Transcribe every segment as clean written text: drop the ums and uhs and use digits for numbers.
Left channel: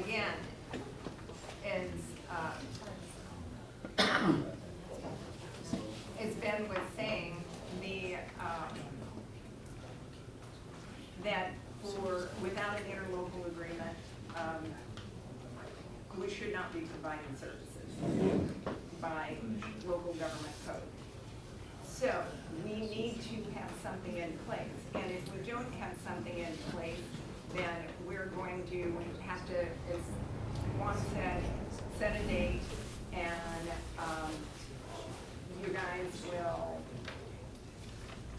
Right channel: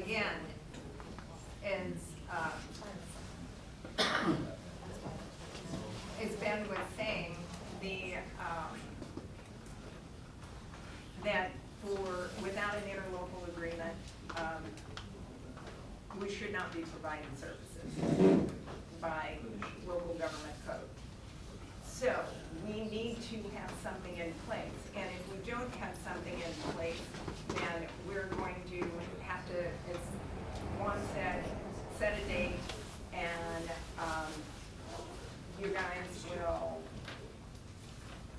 again, is, as Ben was saying, that without an interlocal agreement, we should not be providing services by local government code. So we need to have something in place, and if we don't have something in place, then we're going to have to, as Juan said, set a date, and you guys will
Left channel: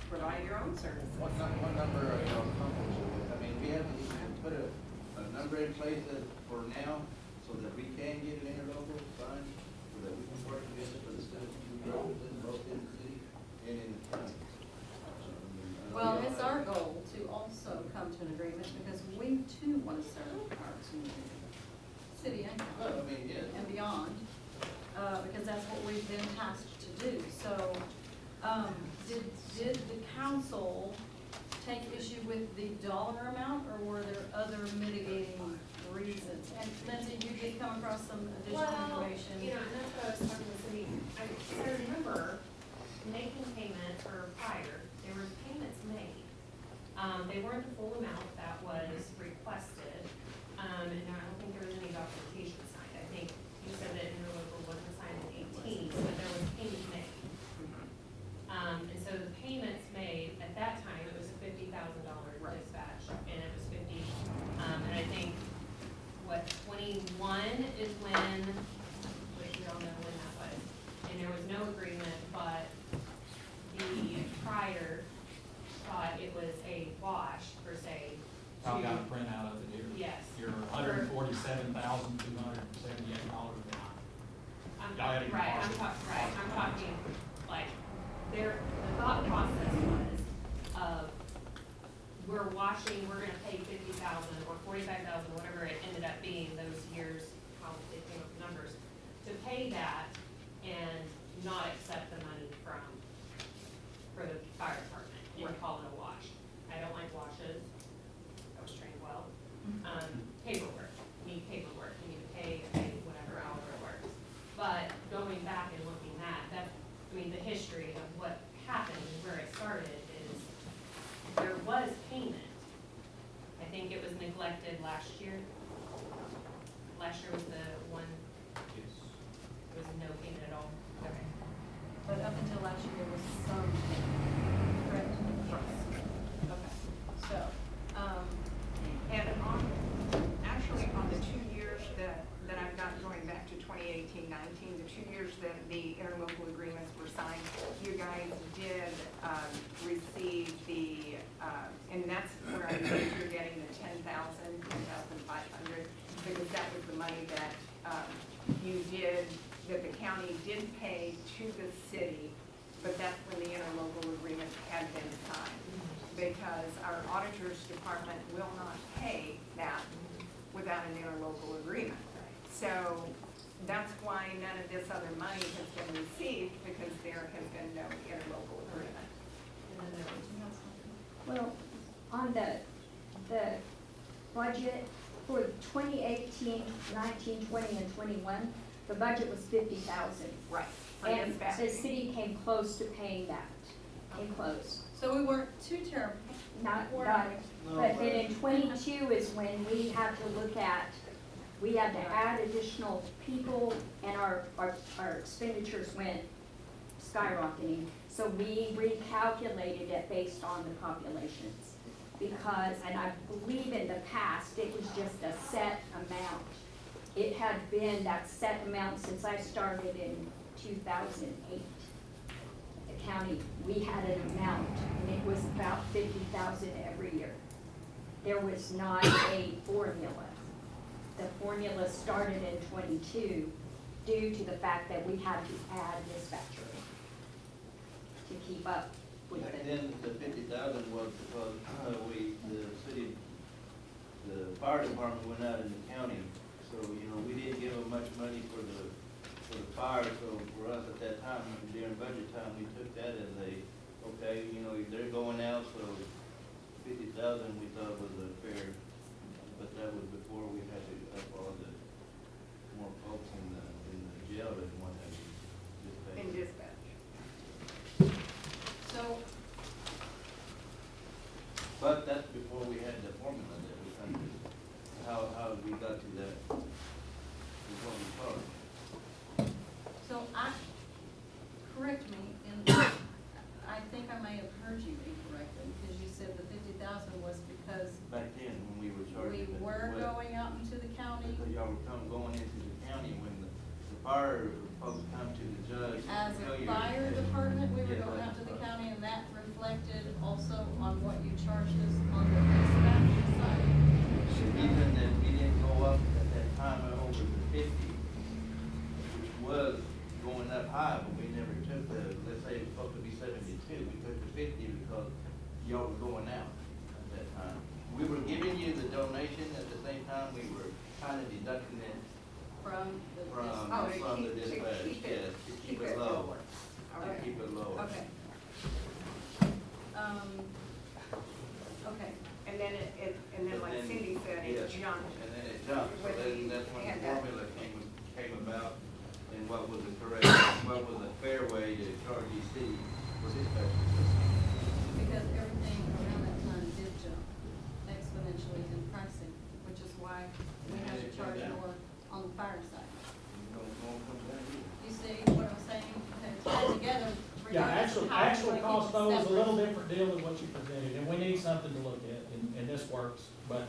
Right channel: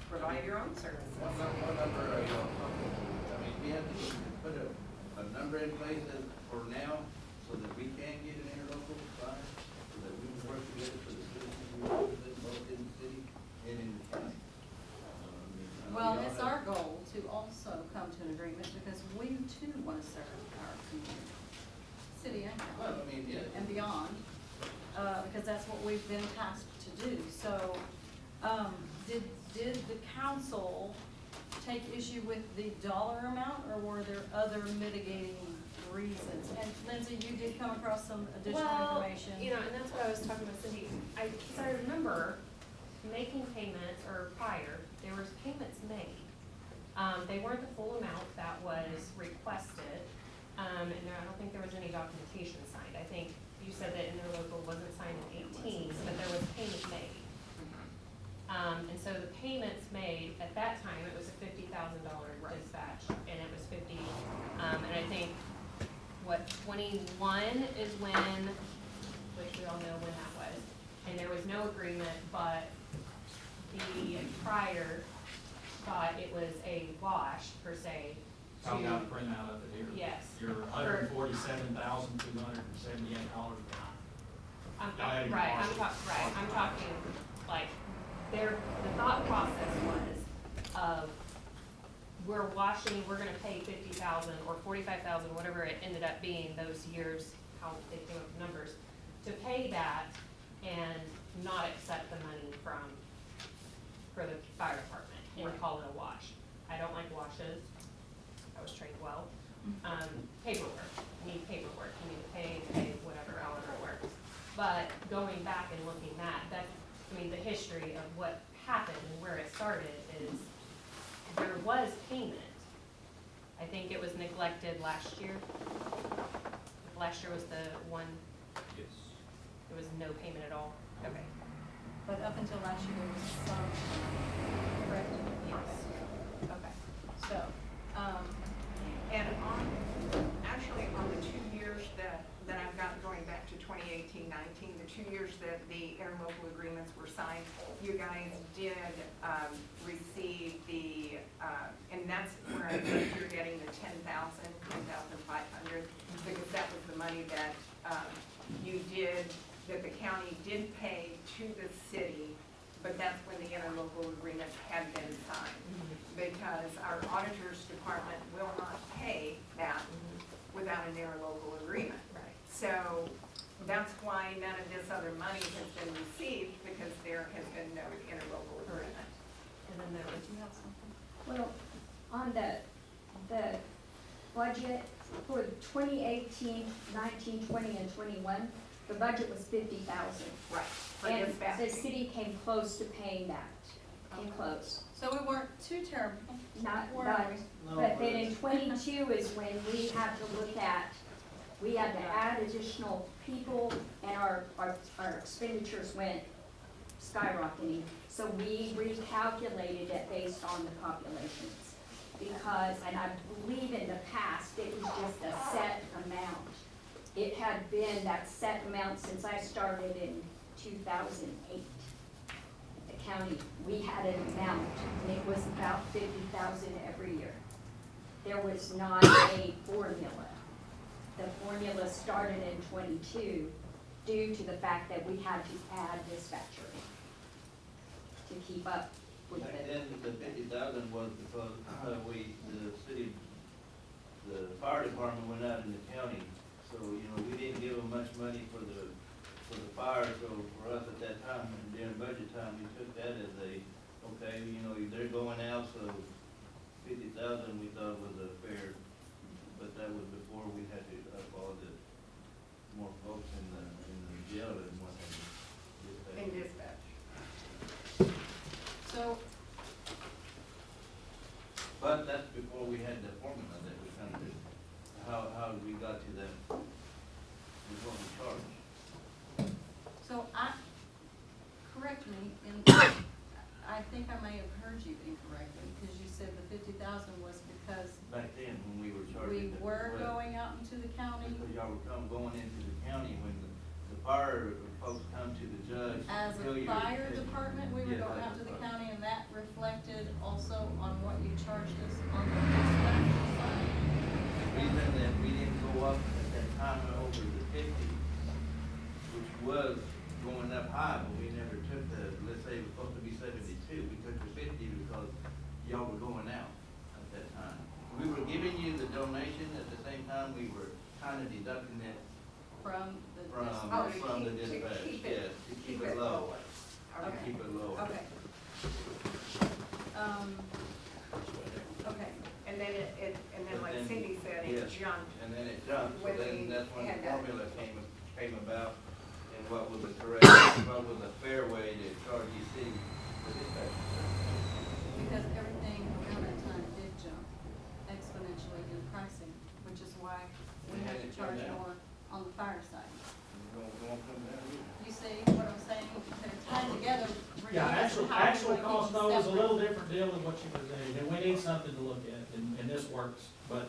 provide your own services. What number are you comfortable with? I mean, we have to either put a number in place for now, so that we can get an interlocal signed, so that we can work together for the citizens we represent, both in the city and in the county. Well, it's our goal to also come to an agreement, because we too want to serve our community, city and Well, county. I mean, yeah. And beyond, because that's what we've been tasked to do. So, did the council take issue with the dollar amount, or were there other mitigating reasons? And Lindsay, you did come across some additional information. You know, and that's what I was talking with Cindy. I remember making payments, or prior, there was payments made. They weren't the full amount that was requested, and I don't think there was any documentation signed. I think you said that interlocal wasn't signed in 18, but there was payment made. And so the payments made, at that time, it was a $50,000 dispatch, and it was 50, and I think, 21 is when, which we all know when that was, and there was no agreement, but the prior thought it was a wash, per se. I've got a printout of it here. Yes. You're $147,278 down. I'm Got it in right, partial. I'm talking, like, the thought process was of, we're washing, we're gonna pay 50,000 or 45,000, whatever it ended up being those years, how they came up with numbers, to pay that and not accept the money for the fire department and call it a wash. I don't like washes. I was trained well. Paperwork, you need paperwork, you need to pay whatever, however it works. But going back and looking at that, I mean, the history of what happened and where it started is, there was payment. I think it was neglected last year. Last year was the one, Yes. there was no payment at all. Okay. But up until last year, there was some, correct? Yes. Okay, so, And actually on the 2 years that I've got going back to 2018-19, the 2 years that the interlocal agreements were signed, you guys did receive the, and that's where I think you're getting the 10,500, because that was the money that that the county did pay to the city, but that's when the interlocal agreement had been signed. Because our auditor's department will not pay that without an interlocal agreement. Right. So that's why none of this other money has been received, because there has been no interlocal agreement. And then there was, did you have something? Well, on the budget for 2018, 19, 20, and 21, the budget was 50,000. Right. For And the dispatching. city came close to paying that, came close. So we weren't too terrible. Not, Were not, we? No, but then in 22 is when we had to look at, we had to add additional people, and our expenditures went skyrocketing. So we recalculated it based on the populations. Because, and I believe in the past, it was just a set amount. It had been that set amount since I started in 2008. The county, we had an amount, and it was about 50,000 every year. There was not a formula. The formula started in 22 due to the fact that we had to add dispatcher to keep up with Back it. then, the 50,000 was because the fire department went out in the county. So, you know, we didn't give them much money for the fire, so for us at that time, during budget time, we took that as okay, you know, they're going out, so 50,000 we thought was a fair, but that was before we had to up all how we got to that, is what we charge. So correct me, and I think I may have heard you incorrectly, because you said the 50,000 was because Back then, when we were we charging. were going out into the county Because y'all were going into the county when the fire folks come to the judge. as tell a you- fire department, we were Yeah, going like out to the fire. county, and that reflected also on what you charged us on the dispatch side. The reason that we didn't go up at that time over the 50, which was going up high, but we never took the, let's say it was supposed to be 72, we took the 50 because y'all were going out at that time. We were giving you the donation, at the same time, we were kind of deducting it From the from, Oh, to from the keep- to dispatch, keep it- yes, to keep it low. lower. To Okay. keep it lower. Okay. Okay, And then and then But like then- Cindy said, it yes, jumped. And then it jumped, so When then we that's when had the that. formula came about, and what was the correct, what was a fair way to charge EC for dispatch service. because everything around that time did jump exponentially in pricing, which is why we had to charge more on the fire side. Don't come down here. You see what I'm saying? They're tied together. Yeah, regardless of actual, how we're actual gonna keep cost them though is a separate. little different deal than what you presented, and we need something to look at, and this works, but,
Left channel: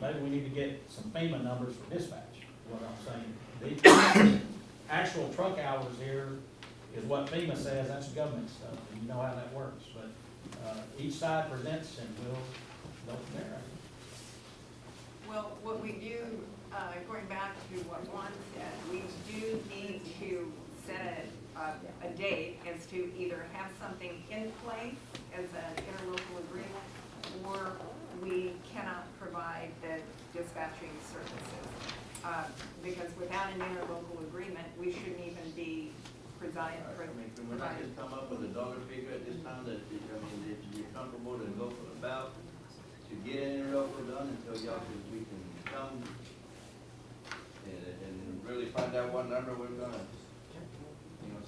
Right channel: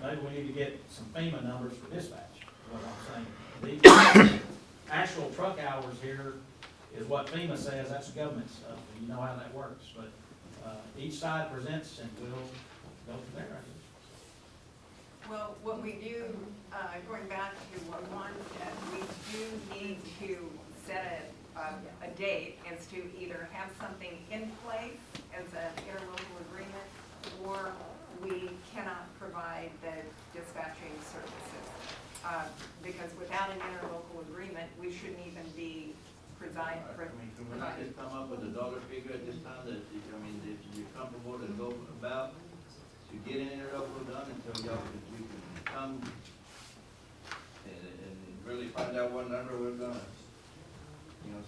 maybe we need to get some FEMA numbers for dispatch, is what I'm saying. The actual truck hours here is what FEMA says, that's government stuff, and you know how that works, but, each side presents, and we'll go from there, I think. Well, what we do, going back to what Juan said, we do need to set a date as to either have something in place as an interlocal agreement, or we cannot provide the dispatching services. Because without an interlocal agreement, we shouldn't even be I mean, can we not just come up with a dollar figure at this time that, I mean, if you're comfortable to go about to get an interlocal done until we can come and really find out what number we're gonna,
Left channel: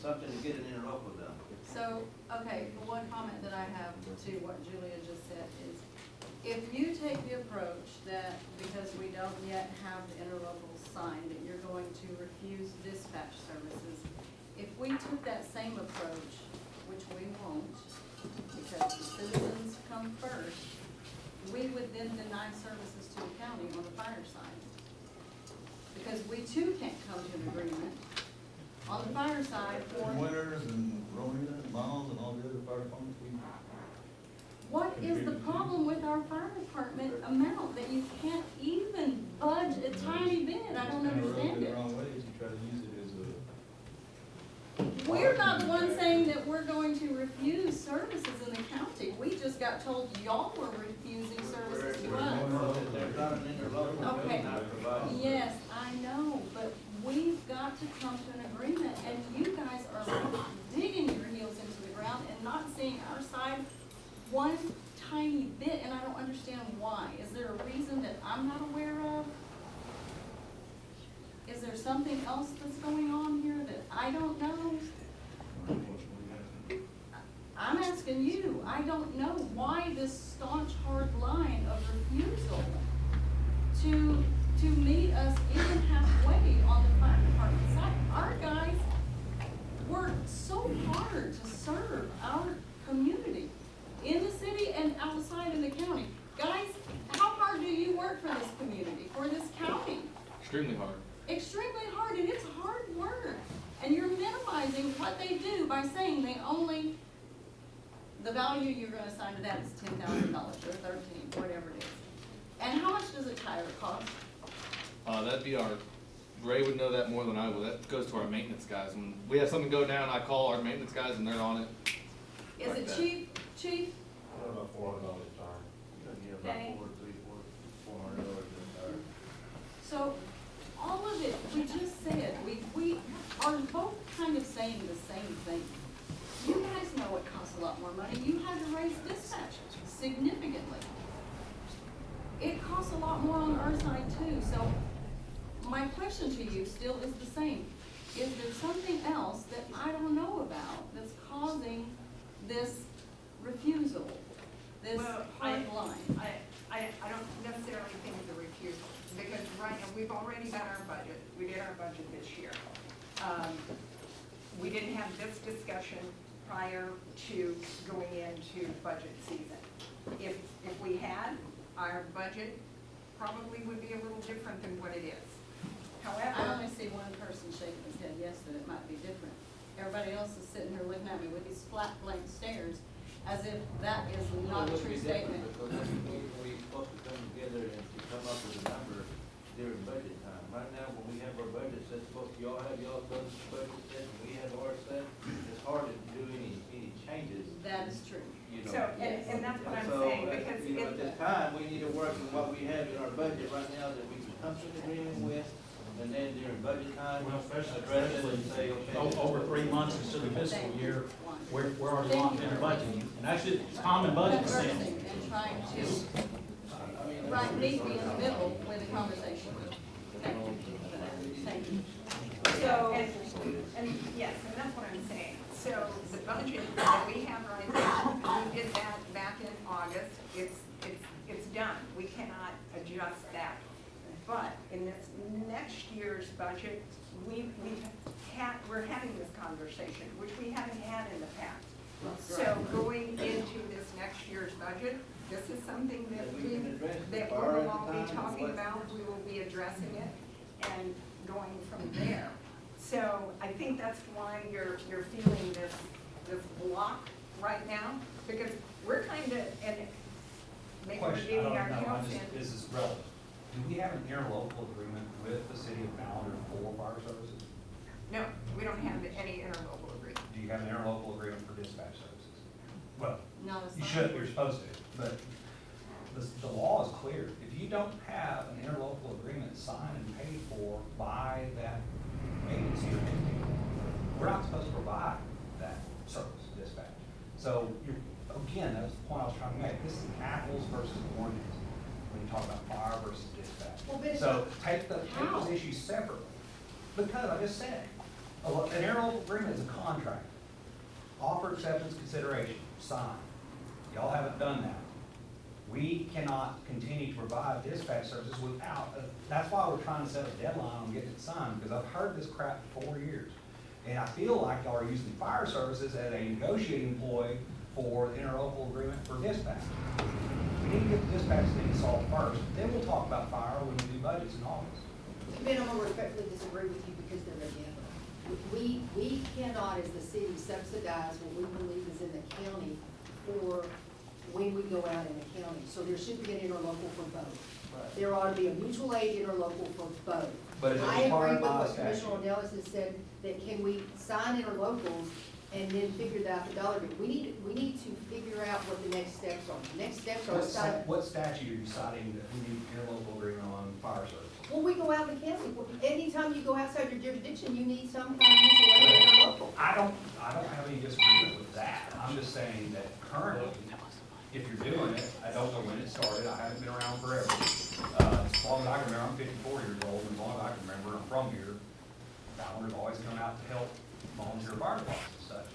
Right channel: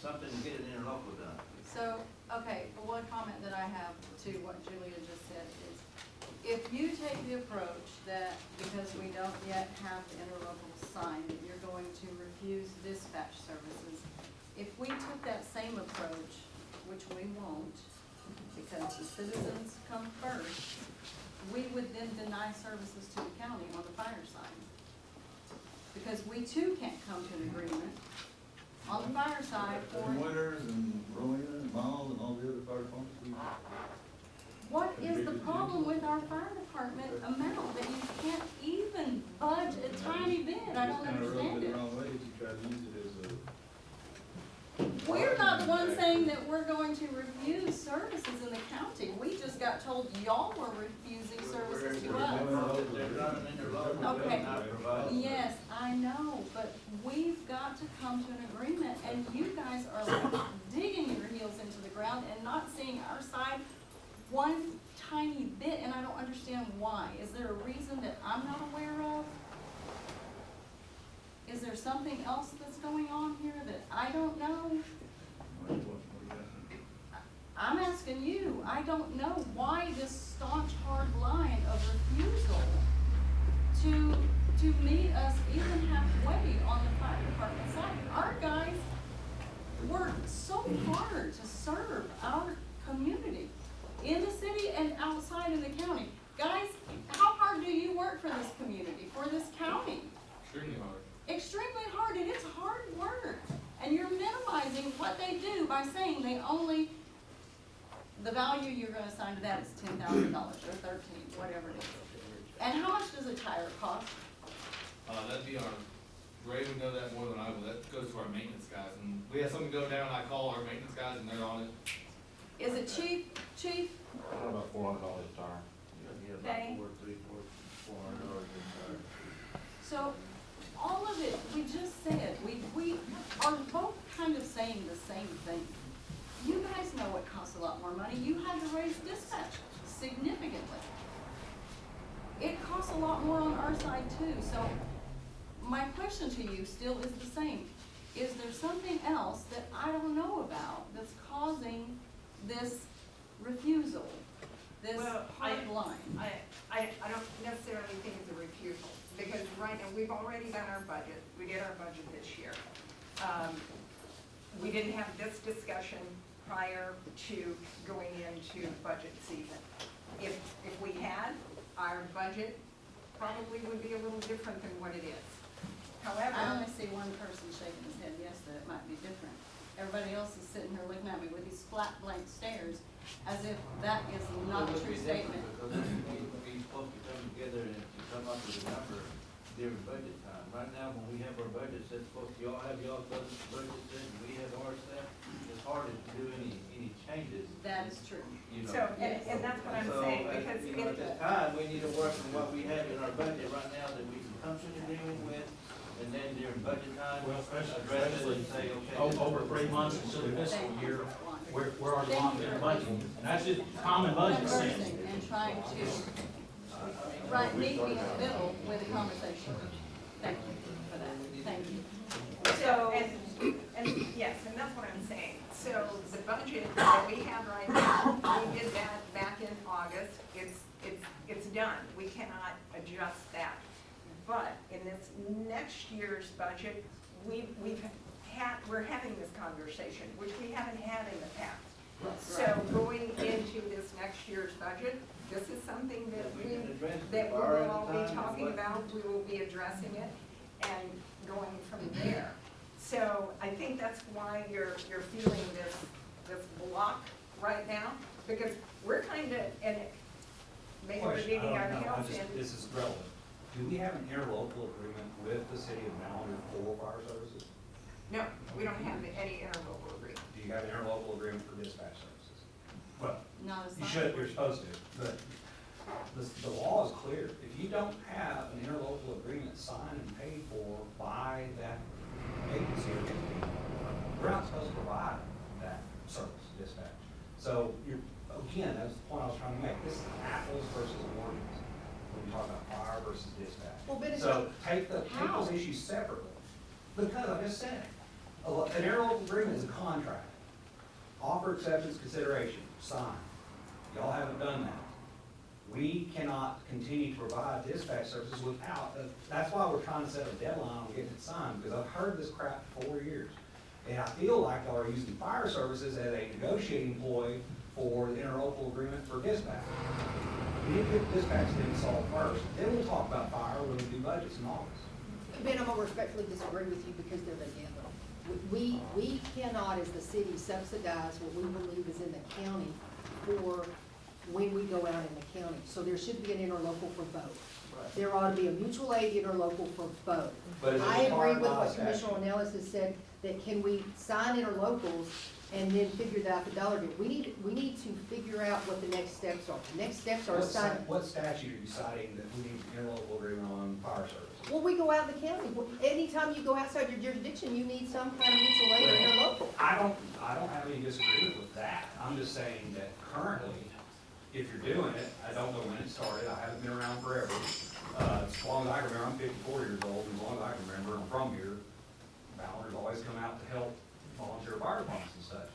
something to get an interlocal done. So, okay, the one comment that I have to what Julia just said is, if you take the approach that because we don't yet have the interlocal signed, that you're going to refuse dispatch services, if we took that same approach, which we won't, because the citizens come first, we would then deny services to the county on the fire side. Because we too can't come to an agreement on the fire side for, And Winters and Rowena and Miles and all the other fire departments, what is the problem with our fire department amount that you can't even budge a tiny bit? I don't understand the it. wrong way if you try to use it as a. We're not the ones saying that we're going to refuse services in the county. We just got told y'all were refusing services to us. If there's not an interlocal, Okay. we're not providing. Yes, I know, but we've got to come to an agreement, and you guys are like digging your heels into the ground and not seeing our side one tiny bit, and I don't understand why. Is there a reason that I'm not aware of? Is there something else that's going on here that I don't know? I'm asking you. I don't know why this staunch, hard line of refusal to meet us even halfway on the fire department side. Our guys work so hard to serve our community in the city and outside in the county. Guys, how hard do you work for this community, for this county? Extremely hard. Extremely hard, and it's hard work. And you're minimizing what they do by saying they only, the value you're gonna assign to that is $10,000 or $13,000, whatever it is. And how much does a tire cost? That'd be Ray would know that more than I would. That goes to our maintenance guys. When we have something go down, I call our maintenance guys and they're on it. Is Like it that. cheap? About $400 a tire. Yeah, Okay. about $400 in tire. So, all of it, we just said, we are both kind of saying the same thing. You guys know it costs a lot more money. You had to raise dispatch significantly. It costs a lot more on our side too, so my question to you still is the same. Is there something else that I don't know about that's causing this refusal, this Well, hard line? I don't necessarily think it's a refusal, we've already done our budget, we did our budget this year. We didn't have this discussion prior to going into budget season. If we had, our budget probably would be a little different than what it is. I However, only see one person shaking his head yes, that it might be different. Everybody else is sitting here looking at me with these flat blank stares as if that is not a It would true be different statement. Because we supposed to come together and to come up with a number during budget time. Right now, when we have our budget set, supposed to, y'all have y'all's budget set, and we have ours set, it's hard to do any changes. That is true. You know. so, and that's what I'm So, saying, because you know, at this time, we need to work on what we have in our budget right now that we can come to an agreement with, and then during budget time, Well, address it especially and say, okay. over 3 months into the fiscal year, we're already Thank locked you in for budgeting, and that's just common budget sense. Conversing and trying to, I mean, right, meet me in the middle with a conversation. Thank you for that, thank you. So, and yes, and that's what I'm saying. So the budget that we have right now, we did that back in August. It's done. We cannot adjust that. But in this next year's budget, we're having this conversation, which we haven't had in the past. So going into this next year's budget, this is something that That we we can address that we far will at all the be time, talking what- about. We will be addressing it and going from there. So I think that's why you're feeling this block right now, because we're kind of, and maybe we're Question, getting our no, heels I'm just, in. this is relevant. Do we have an interlocal agreement with the city of Mallard for fire services? No, we don't have any interlocal agreement. Do you have an interlocal agreement for dispatch services? Well, Not as you far should, as- you're supposed to, but the law is clear. If you don't have an interlocal agreement signed and paid for by that agency or entity, we're not supposed to provide that service, dispatch. So you're, again, that's the point I was trying to make. This is apples versus oranges when you talk about fire versus dispatch. Well, but it's So take How? those issues separately. Because I just said, an interlocal agreement is a contract. Offer acceptance consideration, sign. Y'all haven't done that. We cannot continue to provide dispatch services without, that's why we're trying to set a deadline on getting it signed, because I've heard this crap for 4 years. And I feel like y'all are using fire services as a negotiating ploy for the interlocal agreement for dispatch. We need to get the dispatch thing solved first, then we'll talk about fire when we do budgets in August. Ben, I'm gonna respectfully disagree with you because they're together. We cannot, as the city, subsidize what we believe is in the county for when we go out in the county. So there should be an interlocal for both. Right. There ought to be a mutual aid interlocal for both. But it's I agree required with by what statute. Commissioner Ornelas has said, that can we sign interlocals and then figure out the dollar bit? We need to figure out what the next steps are. The next steps are sign. What statute are you citing that we need an interlocal agreement on fire service? Well, we go out in the county. Anytime you go outside your jurisdiction, you need some kind of mutual aid or interlocal. I don't have any disagreement with that. I'm just saying that currently, if you're doing it, I don't know when it started, I haven't been around forever. As long as I can remember, I'm 54 years old, and as long as I can remember, I'm from here. Ballard's always come out to help volunteer fire departments and such.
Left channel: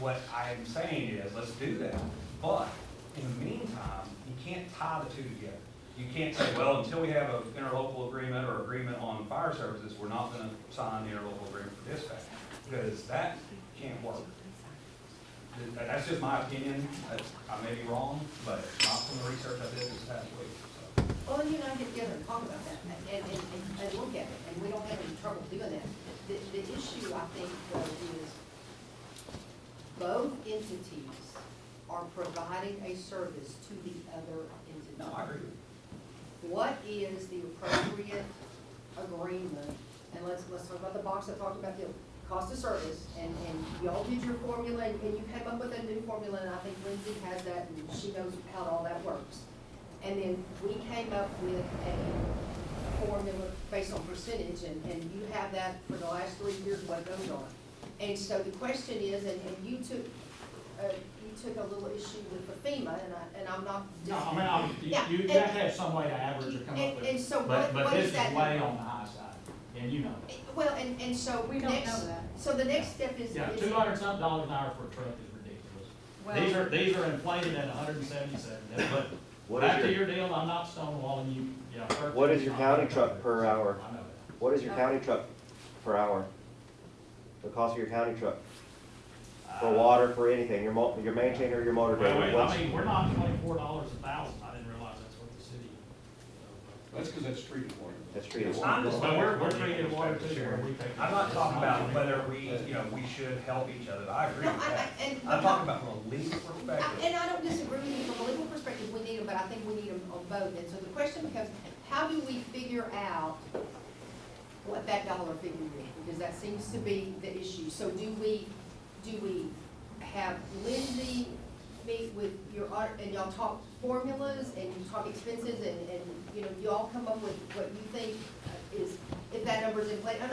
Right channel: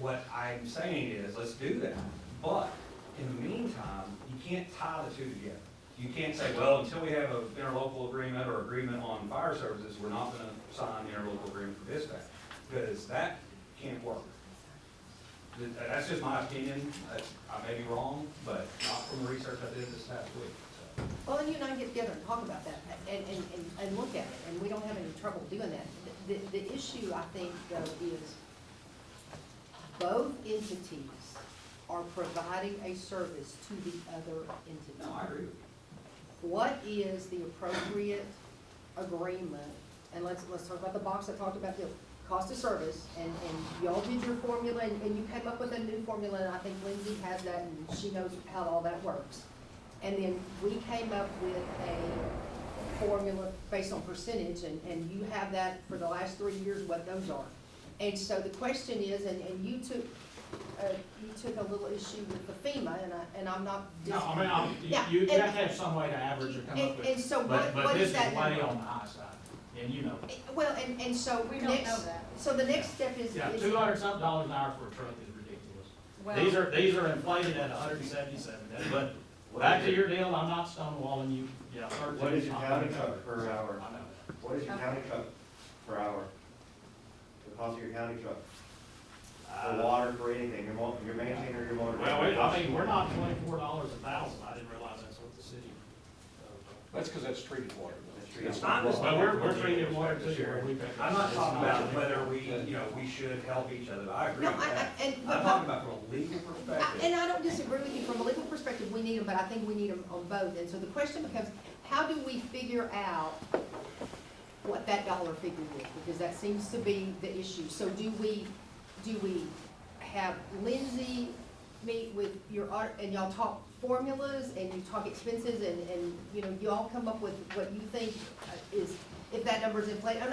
What I'm saying is, let's do that, but in the meantime, you can't tie the two together. You can't say, well, until we have an interlocal agreement or agreement on fire services, we're not gonna sign the interlocal agreement for dispatch, because that can't work. That's just my opinion. I may be wrong, but not from the research I did this past week, so. Well, you and I get together and talk about that and look at it, and we don't have any trouble doing that. The issue, I think, though, is both entities are providing a service to the other entity. No, I agree with you. What is the appropriate agreement? And let's talk about the box I talked about, the cost of service, and y'all did your formula, and you came up with a new formula, and I think Lindsay has that, and she knows how all that works. And then we came up with a formula based on percentage, and you have that for the last 3 years, what those are. And so the question is, and you took a little issue with the FEMA, and I'm not. No, I mean, Yeah, you and- have to have some way to average or come up with it. and so But what this is that is way number? on the high side, and you know. Well, and so We don't next, know that. so the next step is. Yeah, is- $200-something an hour for a truck is ridiculous. Well, These are inflated at 177, but What back is to it? your deal, I'm not stonewalling you, yeah, 13 What is your county truck per hour? I know that. What is your county truck per hour? The cost of your county truck? For water, for anything, your maintainer, your motor Well, grader? I mean, we're not $24 a thousand, I didn't realize that's what the city. That's because that's treated water. That's treated. I'm just- But we're treating water too, where we pay. I'm not talking about whether we should help each other, I agree No, with that. and- I'm talking about from a legal perspective. And I don't disagree with you, from a legal perspective, we need them, but I think we need them on both. And so the question becomes, how do we figure out what that dollar figure is? Because that seems to be the issue. So do we have Lindsay meet with your, and y'all talk formulas, and you talk expenses, and, you all come up with what you think is, if that number's inflated, and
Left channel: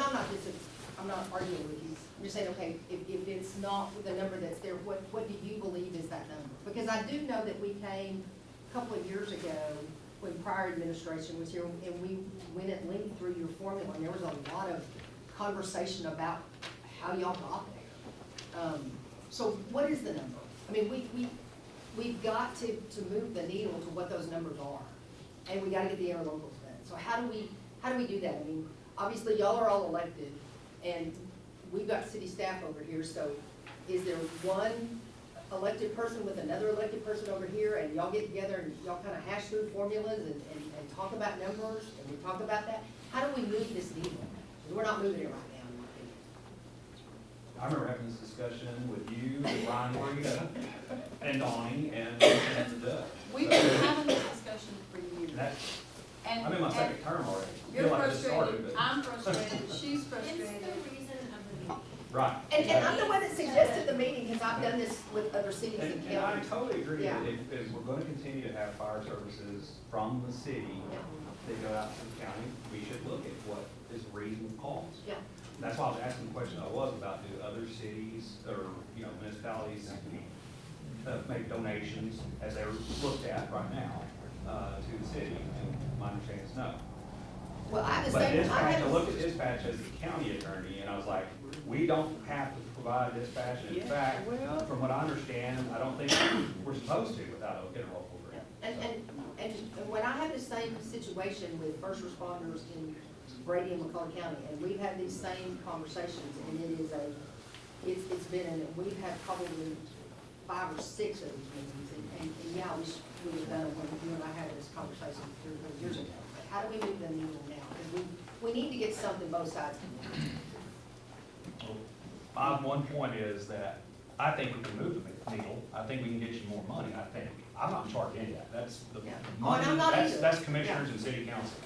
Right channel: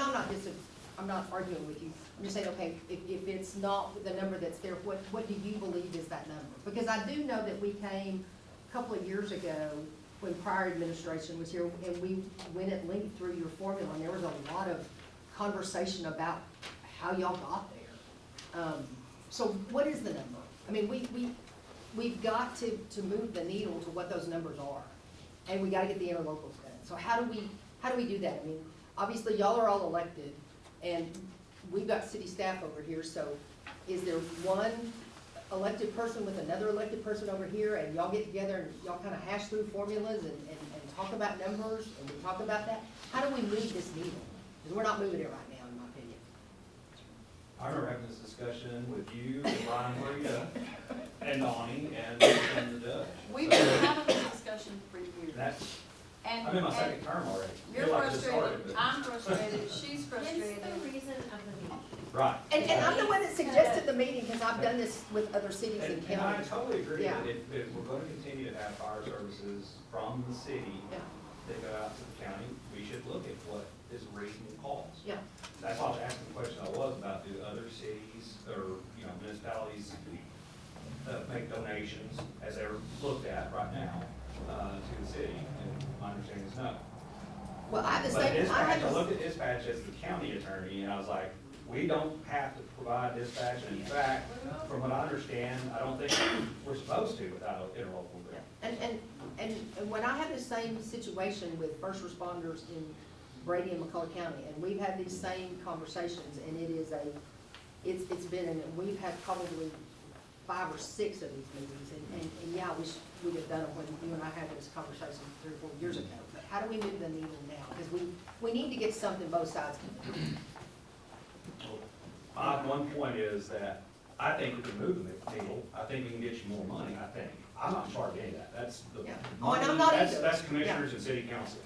I'm not arguing with you. I'm just saying, okay, if it's not the number that's there, what do you believe is that number? Because I do know that we came a couple of years ago, when prior administration was here, and we went at length through your formula, and there was a lot of conversation about how y'all got there. So what is the number? I mean, we've got to move the needle to what those numbers are, and we gotta get the interlocals done. So how do we do that? I mean, obviously, y'all are all elected, and we've got city staff over here, so is there one elected person with another elected person over here, and y'all get together and y'all kinda hash through formulas and talk about numbers, and we talk about that? How do we move this needle? Because we're not moving it right now, in my opinion. I remember having this discussion with you, and Brian Morita, and Donnie, and the judge. We've been having this discussion for years. That's, And- I'm in my and second term already. You're Feel like this started, frustrated, but- I'm frustrated, she's Hence frustrated. the reason of the meeting. Right. And I'm the one that suggested the meeting, because I've done this with other cities and And I counties. totally agree Yeah. that if we're gonna continue to have fire services from the city Yeah. that go out to the county, we should look at what is a reasonable cost. Yeah. That's why I was asking the question I was about, do other cities or, municipalities make donations as they're looked at right now, to the city? And my understanding is no. Well, I have the But same, I dispatch, have I the looked at dispatch as the county attorney, and I was like, we don't have to provide dispatch, and in fact, from what I understand, I don't think we're supposed to without an interlocal agreement. And when I had the same situation with first responders in Brady and McCullough County, and we've had these same conversations, and it's been, and we've had probably 5 or 6 of these meetings, and yeah, we would have done it when you and I had this conversation 3 or 4 years ago. But how do we move the needle now? Because we need to get something both sides can do. My one point is that I think we can move the needle, I think we can get you more money, I think. I'm not charging any of that, that's the Yeah. money, Oh, and I'm not that's, either. that's commissioners and city council.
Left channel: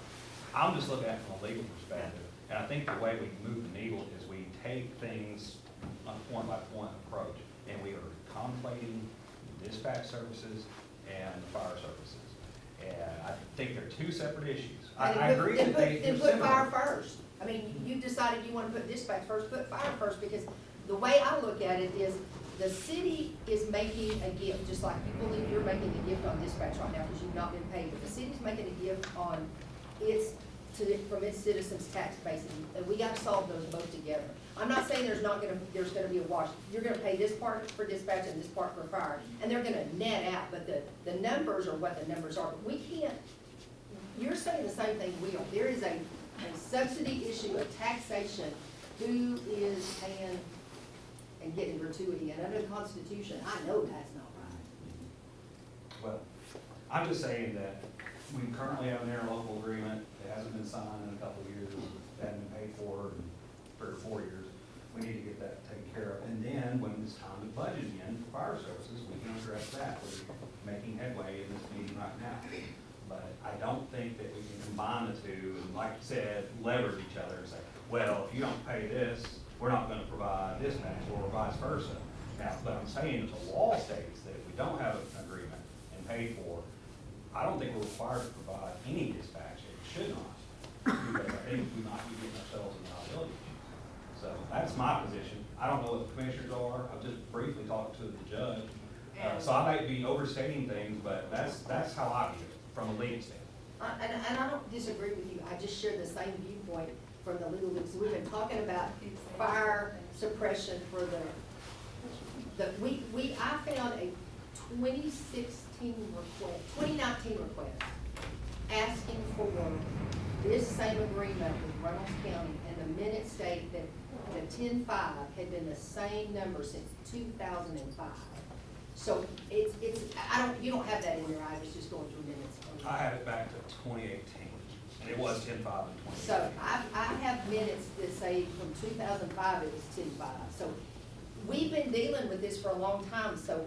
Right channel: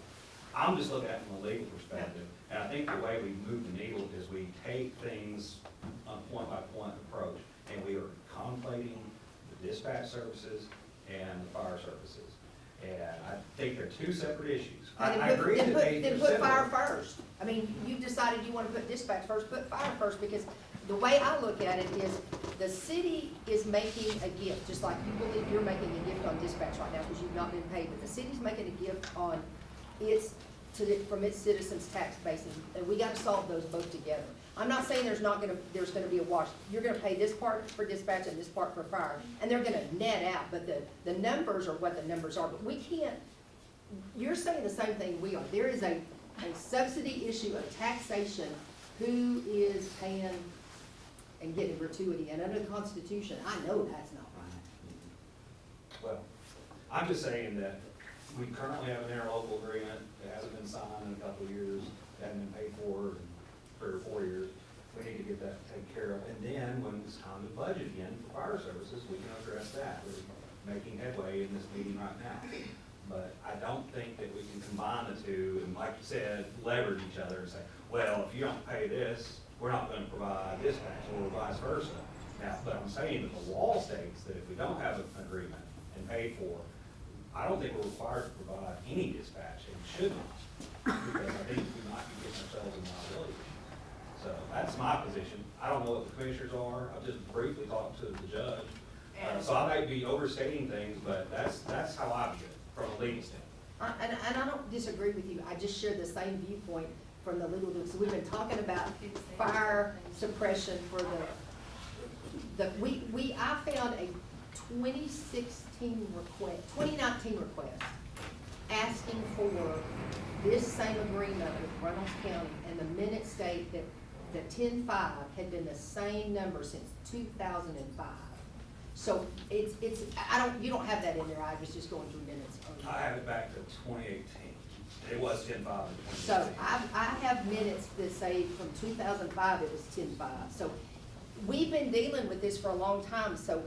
I'm just looking at it from a legal perspective, and I think the way we move the needle is we take things on a point-by-point approach, and we are contemplating the dispatch services and the fire services. And I think they're two separate issues. I agree that they're Then put fire similar. first. I mean, you decided you want to put dispatch first, put fire first, because the way I look at it is, the city is making a gift, just like you believe you're making a gift on dispatch right now, because you've not been paid, but the city's making a gift on from its citizens' tax basis, and we gotta solve those both together. I'm not saying there's gonna be a wash, you're gonna pay this part for dispatch and this part for fire, and they're gonna net out, but the numbers are what the numbers are, but we can't, you're saying the same thing we are. There is a subsidy issue, a taxation, who is paying and getting gratuity, and under the Constitution, I know that's not right. Well, I'm just saying that we currently have an interlocal agreement that hasn't been signed in a couple of years, hasn't been paid for in 3 or 4 years. We need to get that taken care of, and then when it's time to budget again for fire services, we can address that. We're making headway in this meeting right now. But I don't think that we can combine the two, and like you said, leverage each other and say, well, if you don't pay this, we're not gonna provide dispatch, or vice versa. Now, but I'm saying that the law states that if we don't have an agreement and paid for, I don't think we're required to provide any dispatch, and should not, because I think we might be getting ourselves in liability issues. So that's my position. I don't know what the commissioners are, I've just briefly talked to the judge. So I might be overstating things, but that's how I view it, from a legal standpoint. And I don't disagree with you, I just share the same viewpoint from the legal, so we've been talking about fire suppression for I found a 2019 request asking for this same agreement with Reynolds County, and the minutes state that the 10-5 had been the same number since 2005. So it's, you don't have that in there, I was just going through minutes. I have it back to 2018, and it was 10-5 in 2018. So I have minutes that say from 2005 it was 10-5. So we've been dealing with this for a long time, so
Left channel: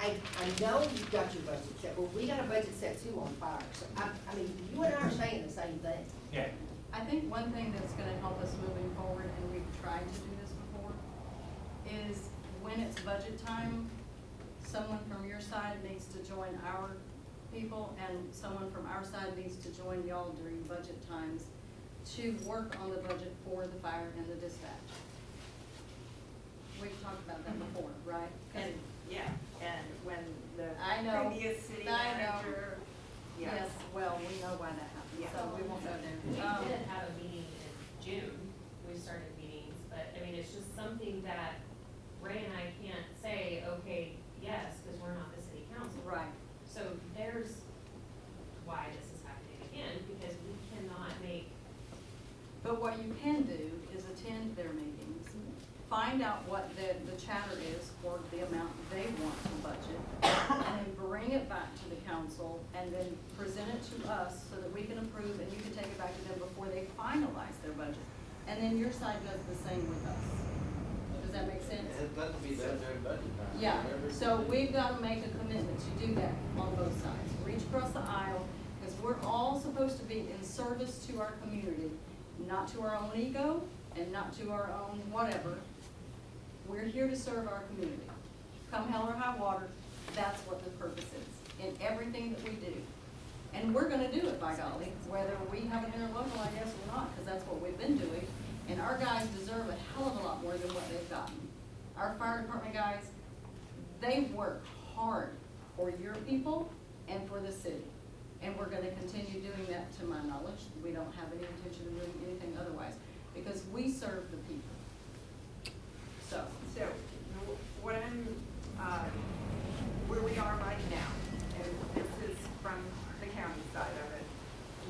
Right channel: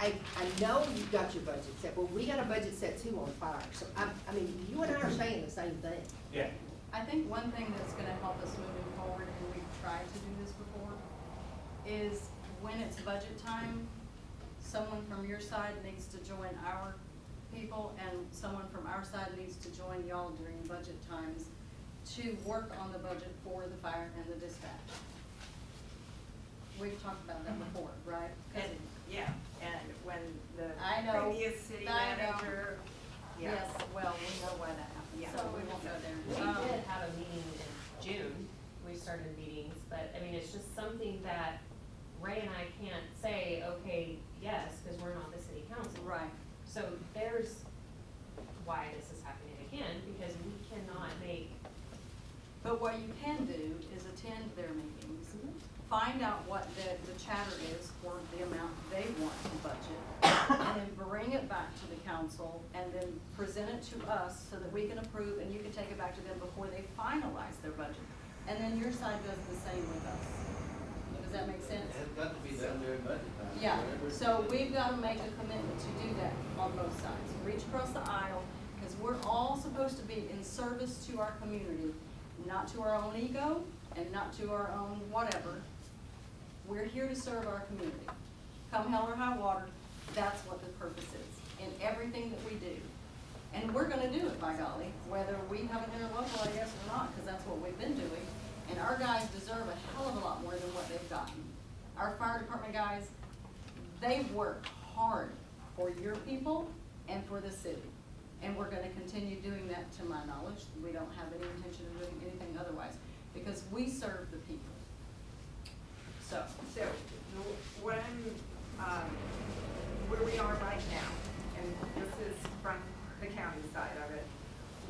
I know you've got your budget set, but we got a budget set too on fire. So I mean, you and I are saying the same thing. Yeah. I think one thing that's gonna help us moving forward, and we've tried to do this before, is when it's budget time, someone from your side needs to join our people, and someone from our side needs to join y'all during budget times to work on the budget for the fire and the dispatch. We've talked about that before, right? 'Cause And, yeah, and when the I know. previous city I know. manager, yeah. Yes, well, we know why that happened, Yeah. so we won't go We there. did have a meeting in June, we started meetings, but I mean, it's just something that Ray and I can't say, okay, yes, because we're not the city council. Right. So there's why this is happening again, because we cannot make, But what you can do is attend their meetings, find out what the chatter is for the amount they want to budget, and then bring it back to the council, and then present it to us so that we can approve, and you can take it back to them before they finalize their budget. And then your side does the same with us. Does that make sense? It's got to be done during budget time. Yeah, whatever. so we've gotta make a commitment to do that on both sides, reach across the aisle, because we're all supposed to be in service to our community, not to our own ego, and not to our own whatever. We're here to serve our community. Come hell or high water, that's what the purpose is, in everything that we do. And we're gonna do it, by golly, whether we have an interlocal, I guess, or not, because that's what we've been doing. And our guys deserve a hell of a lot more than what they've gotten. Our fire department guys, they work hard for your people and for the city. And we're gonna continue doing that, to my knowledge. We don't have any intention of doing anything otherwise, because we serve the people. So, What where we are right now, and this is from the county side of it,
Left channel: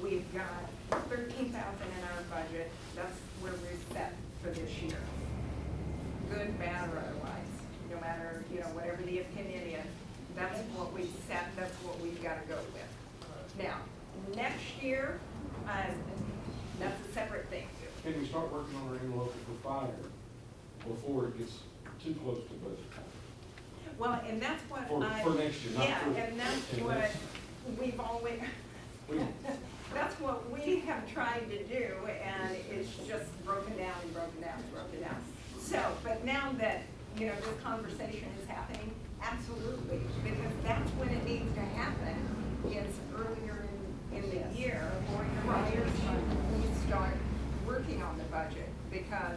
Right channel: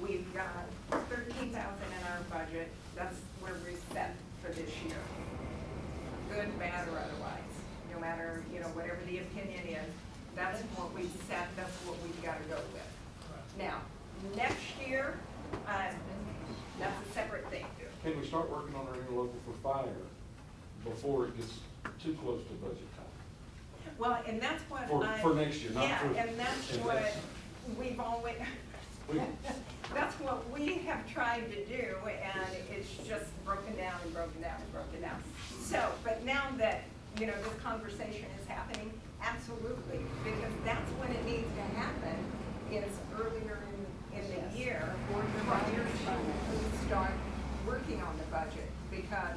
we've got 13,000 in our budget, that's where we're set for this year. Good, bad, or otherwise, no matter, whatever the opinion is, that's what we set, that's what we've gotta go with. Now, next year, that's a separate thing. Can we start working on our interlocal for fire before it gets too close to budget time? Well, and that's what For next year, not for. Yeah, and that's and what that's- we've always, We- that's what we have tried to do, and it's just broken down and broken down and broken down. So, but now that, this conversation is happening, absolutely, because that's when it needs to happen, is earlier in the year, or your budget to start working on the budget, because,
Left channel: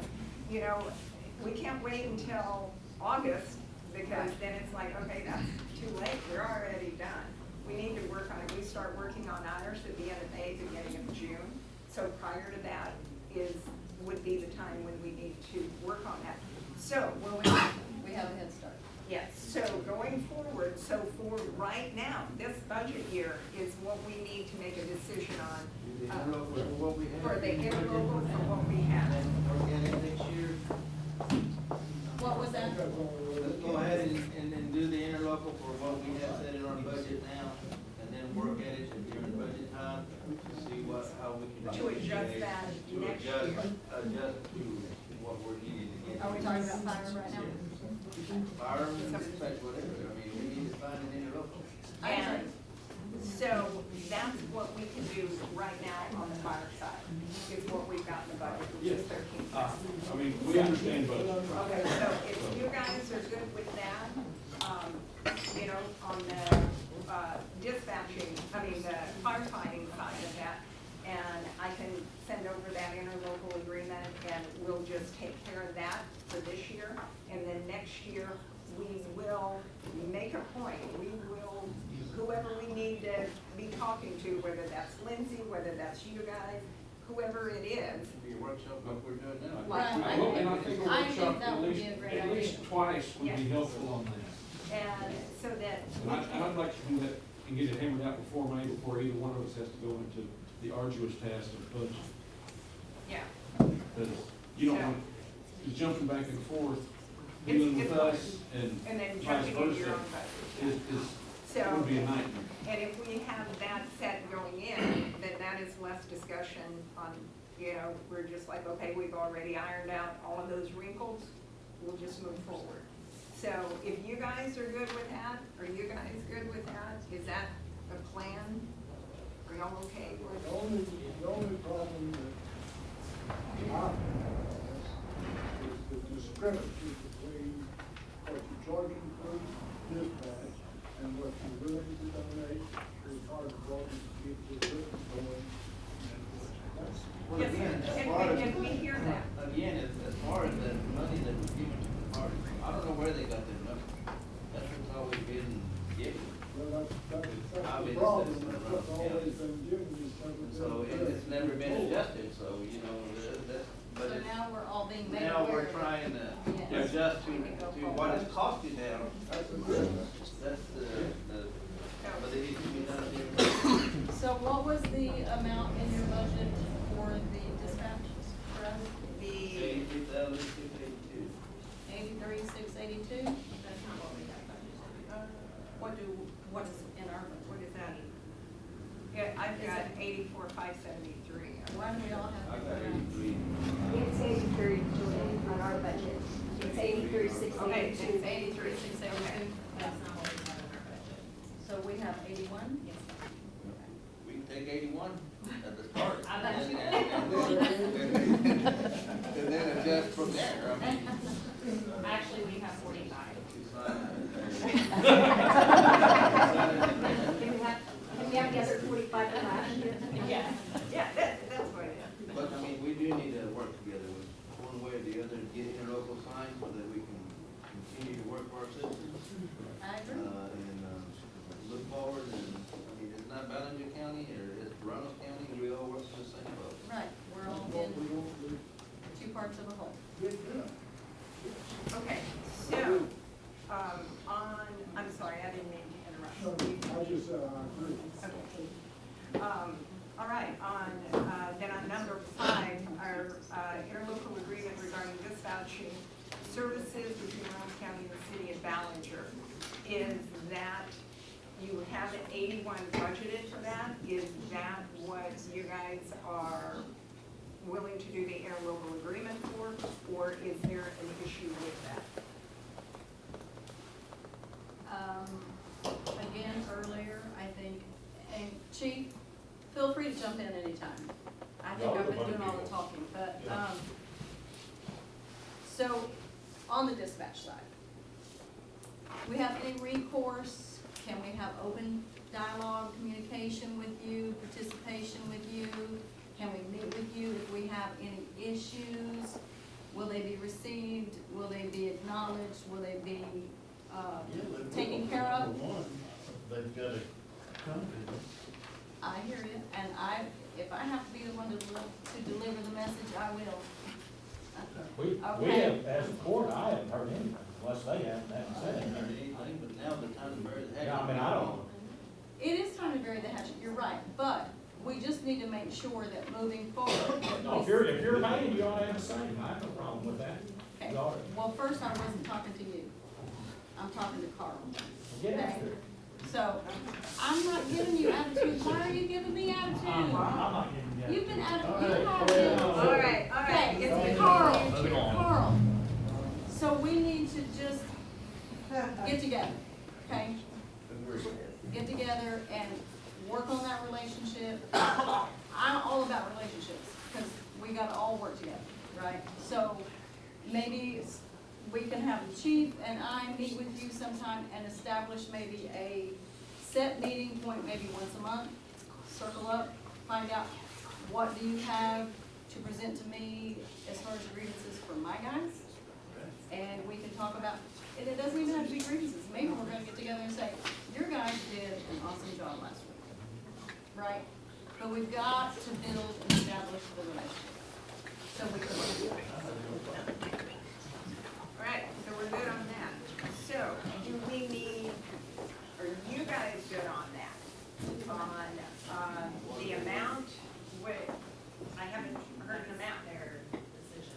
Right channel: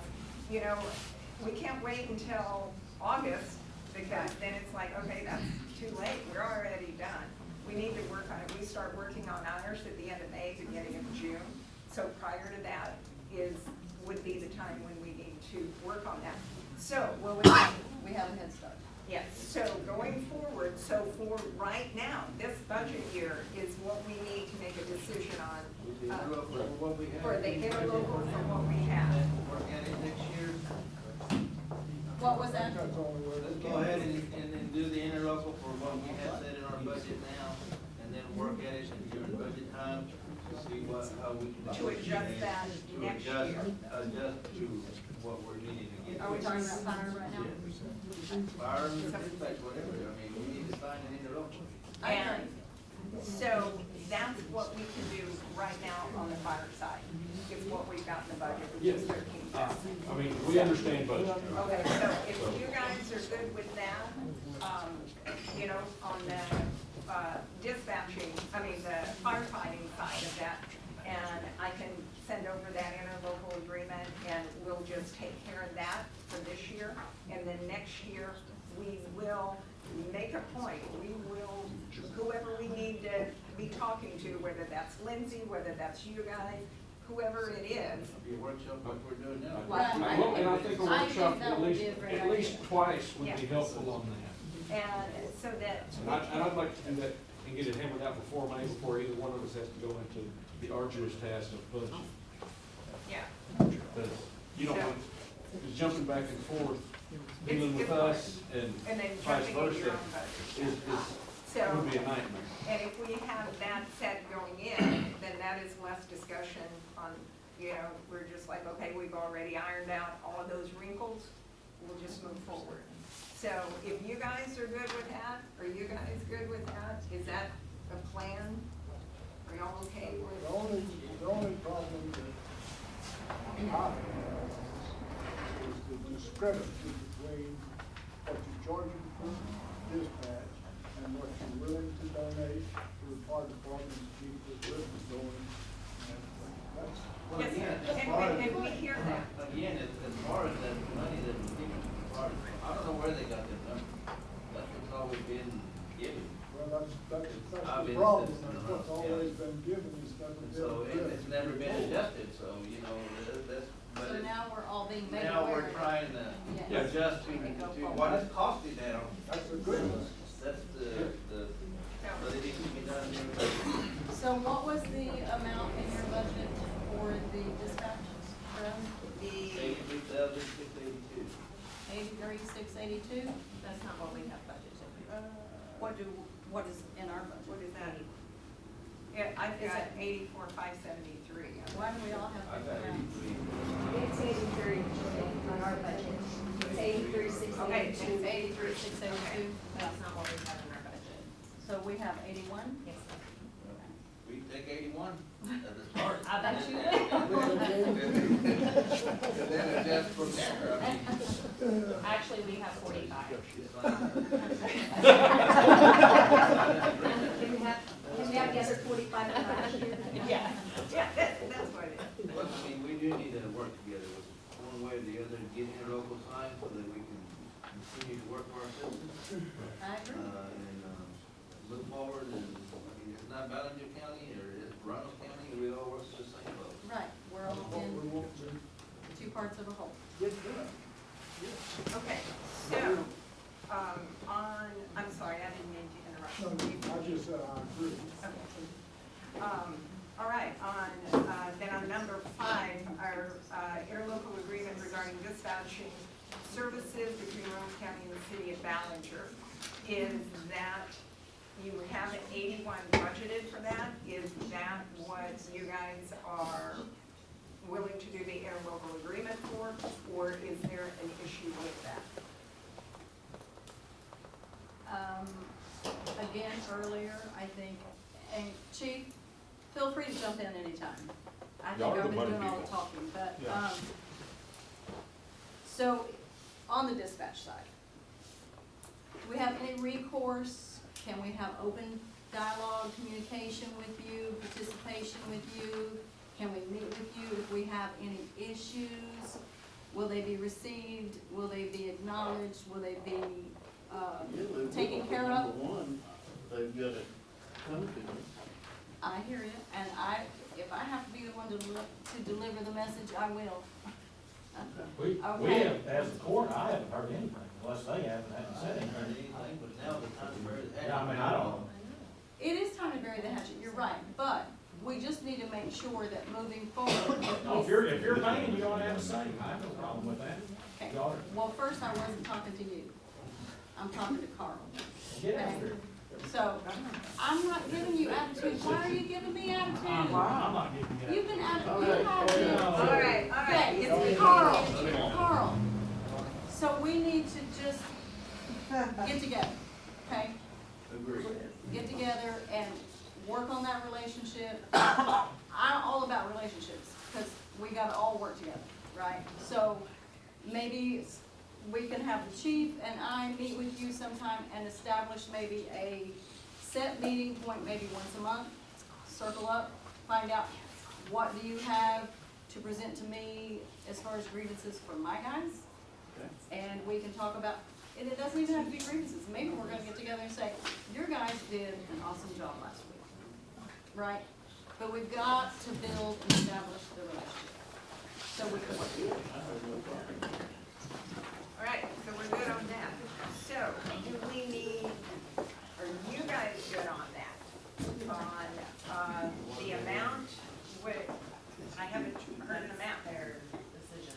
we can't wait until August, because then it's like, okay, that's too late, we're already done. We need to work on it, we start working on ours at the end of May, beginning of June. So prior to that would be the time when we need to work on that. So, well, we have a head start. yes, so going forward, so for right now, this budget year is what we need to make a decision on. The interlocal for what we have. For the interlocal for what we have. And work at it next year. What was that? Let's go ahead and do the interlocal for what we have set in our budget now, and then work at it during budget time to see how we can. To adjust that next year. Adjust to what we're needing to get. Are we talking about fire right now? Fire and dispatch, whatever, we need to sign an interlocal. And so that's what we can do right now on the fire side, is what we've got in the budget, which is Yes. 13,000. I mean, we understand budget. Okay, so if you guys are good with that, on the dispatching, the firefighting side of that, and I can send over that interlocal agreement, and we'll just take care of that for this year. And then next year, we will make a point, whoever we need to be talking to, whether that's Lindsay, whether that's you guys, whoever it is. Be a workshop like we're doing now. Right. Well, and I think a I think workshop, that at would least, be a great at least idea. twice would be Yes. helpful on that. And so that. And I'd like to do that and get it hammered out before May, before either one of us has to go into the arduous task of budget. Yeah. Because you don't want, because jumping back and forth, dealing with us and And then vice jumping into your versa own budget. is, So, would be a nightmare. and if we have that set going in, then that is less discussion on, you know, we're just like, okay, we've already ironed out all of those wrinkles, we'll just move forward. So if you guys are good with that, are you guys good with that? Is that a plan? Are y'all okay with? The only problem that I have is the discrepancy between what you're charging for dispatch and what you're willing to donate for the fire department to keep the business going. And that's, Well, Yes, again, sir. as And far we- as. and we hear that. Again, as far as that money that was given to the party, I don't know where they got that number. That's what's always been given. well, that's I the mean, problem, it's- that's what's always been given, is never been. So it's never been adjusted, so, you know, that's, but So it's, now we're all being made now aware we're of it. trying to Yes. adjust to what it's costing now. That's a good one. That's the, but it needs to be done. So what was the amount in your budget for the dispatch for us? The, 83,682. 83,682? That's not what we have budgeted. What is in our budget? what is that? Yeah, I've Is got it- 84,573. Why do we all have I got different amounts? 83. It's 83 on our budget. It's 83,682. Okay, it's 83,682. That's not what we have in our budget. So we have 81? Yes. We take 81 at the start. I bet you And then adjust from there, I mean. Actually, we have 45. It's fine. Can we have the other 45 from last year? Yeah. Yeah, that's what it is. But, I mean, we do need to work together with one way or the other, get interlocal signs so that we can continue to work for our citizens. I agree. And look forward, and, I mean, it's not Ballinger County, or it's Baranos County, we all work for the same boat. Right, we're all What in we want to two parts of a whole. get done. Okay, so, I'm sorry, I didn't mean to interrupt. No, I just said I agree. Okay. All right, then on number 5, our interlocal agreement regarding dispatching services between Reynolds County and the city of Ballinger. Is that, you have 81 budgeted for that? Is that what you guys are willing to do the interlocal agreement for, or is there an issue with that? Again, earlier, I think, and Chief, feel free to jump in anytime. I think Y'all are I've the been money doing all the people. talking, but, Yeah. so, on the dispatch side, we have any recourse? Can we have open dialogue, communication with you, participation with you? Can we meet with you if we have any issues? Will they be received? Will they be acknowledged? Will they be, taken care of? They've got to come to them. I hear you, and if I have to be the one to deliver the message, I will. We Okay. have, as a court, I haven't heard anything, unless they haven't said Or anything. anything, but now the time to bury the hatchet. Yeah, I mean, I don't know. It is time to bury the hatchet, you're right, but we just need to make sure that moving forward. that No, we- if you're paying, you ought to have a say, I have no problem with that. Okay. You ought to. Well, first, I wasn't talking to you. I'm talking to Carl. Get Okay? after it. So, I'm not giving you attitude. Why are you giving me attitude? I'm not giving you. You've been attitude, you Okay. have been. All right, Okay, it's it's Carl. So we need to just get together, okay? Get together and work on that relationship. I'm all about relationships, because we gotta all work together, right? So maybe we can have the chief and I meet with you sometime and establish maybe a set meeting point, maybe once a month. Circle up, find out what do you have to present to me as far as grievances for my guys. And we can talk about, and it doesn't even have to be grievances, maybe we're gonna get together and say, your guys did an awesome job last week, right? But we've got to build and establish the relationship, so we can work together. All right, so we're good on that. So, do we need, are you guys good on that? Wait, I haven't heard an amount. Their decision,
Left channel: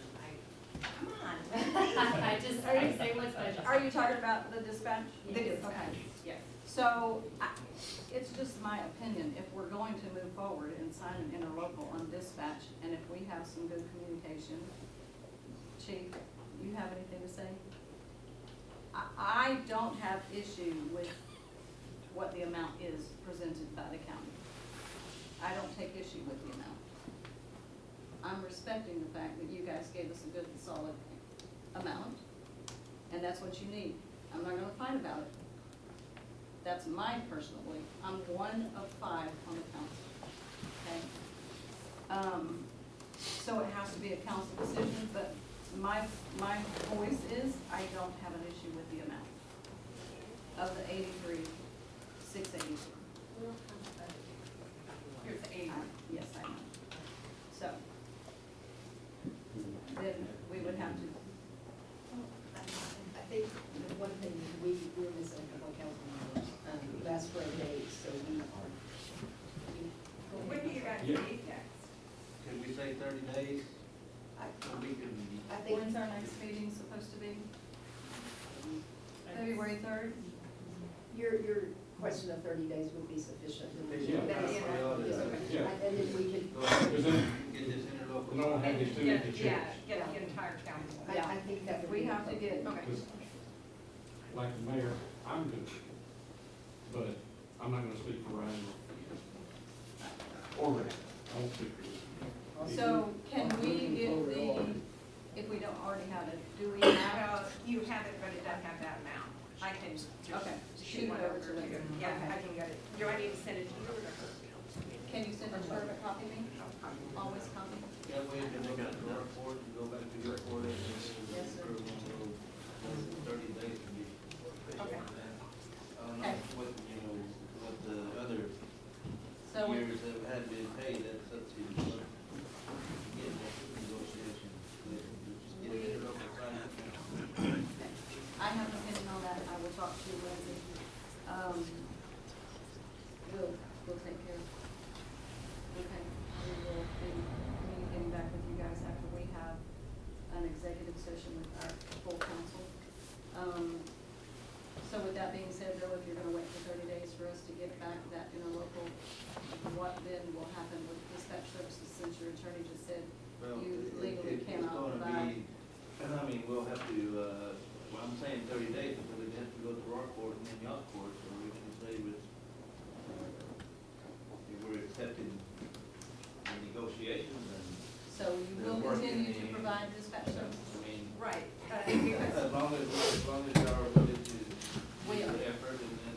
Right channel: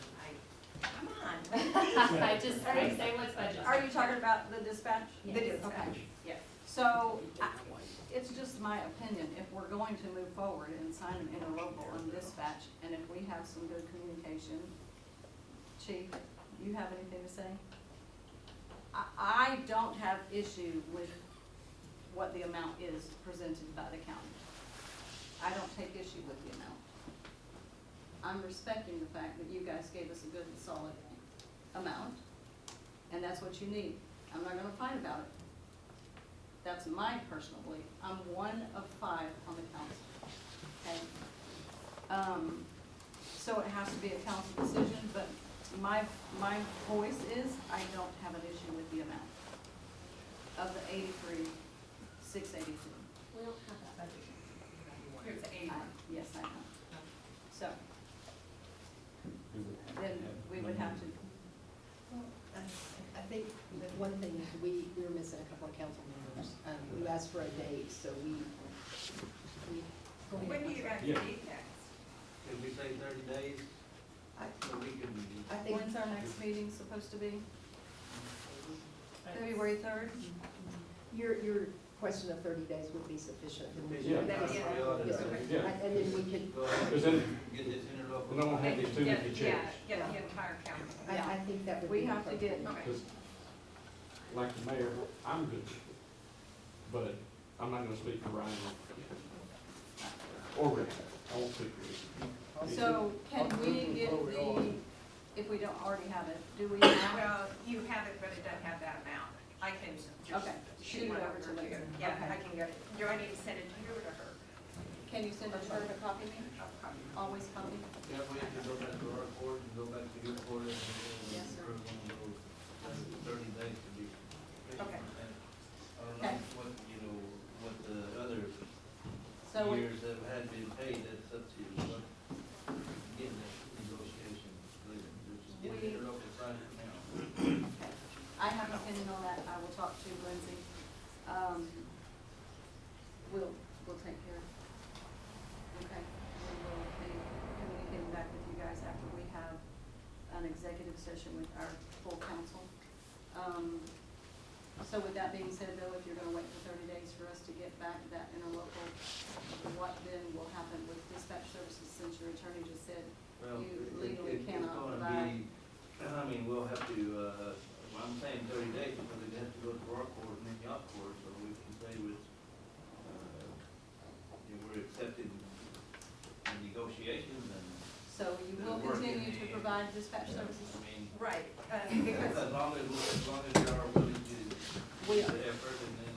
Come on. I just, I say what's budget. Are you talking about the dispatch? The dispatch, Okay. yes. So, it's just my opinion, if we're going to move forward and sign an interlocal on dispatch, and if we have some good communication, Chief, you have anything to say? I don't have issue with what the amount is presented by the county. I don't take issue with the amount. I'm respecting the fact that you guys gave us a good, solid amount, and that's what you need. I'm not gonna fight about it. That's my personal belief. I'm one of 5 on the council, okay? So it has to be a council decision, but my voice is, I don't have an issue with the amount of the 83,682. We don't have that budget. Here's the 80. Yes, I know. So, then we would have to, I think the one thing is we're missing a couple of council members. You asked for a date, so we go ahead. When do you guys Yeah. meet next? Can we say 30 days? So we can, I think when's our next meeting supposed to be? February 3rd? your question of 30 days would be sufficient. Yeah. Yes, Yeah. yes, sir. Yeah. And then we could, go ahead Because then and get this interlocal. we don't have these too Get- many Yeah, checks. get the entire county. I think that would be. We have to get, Okay. Because, like the mayor, I'm good with it, but I'm not gonna speak for Ryan. Or Rick, I won't speak for you. so can we get the, if we don't already have it, do we have Well, you have it, but it doesn't have that amount. I can just Okay, shoot shoot one it over over to to Lindsay. you. Yeah, Okay. I can get it. Do I need to send it to you or to her? Can you send it to her to copy me? I'll copy it. Always copy? That way you can go back to our court and go back to your court and. Yes, sir. 30 days to be. Okay. I don't know Okay. what the other So we, years have had been paid, that's up to you. But Getting that negotiation, just get it interlocal signed now. okay. I have an opinion on that, I will talk to Lindsay. We'll take care. Okay, we will be communicating back with you guys after we have an executive session with our full council. So with that being said, though, if you're gonna wait for 30 days for us to get back that interlocal, what then will happen with dispatch services, since your attorney just said Well, you it- legally it's cannot gonna provide? be, I mean, we'll have to, well, I'm saying 30 days because it has to go to our court and then y'all court, so we can say with, we're accepting the negotiations and, So you will They're working continue to the- provide dispatch services? I mean, Right, because as long as y'all are willing to We do are. the effort and then,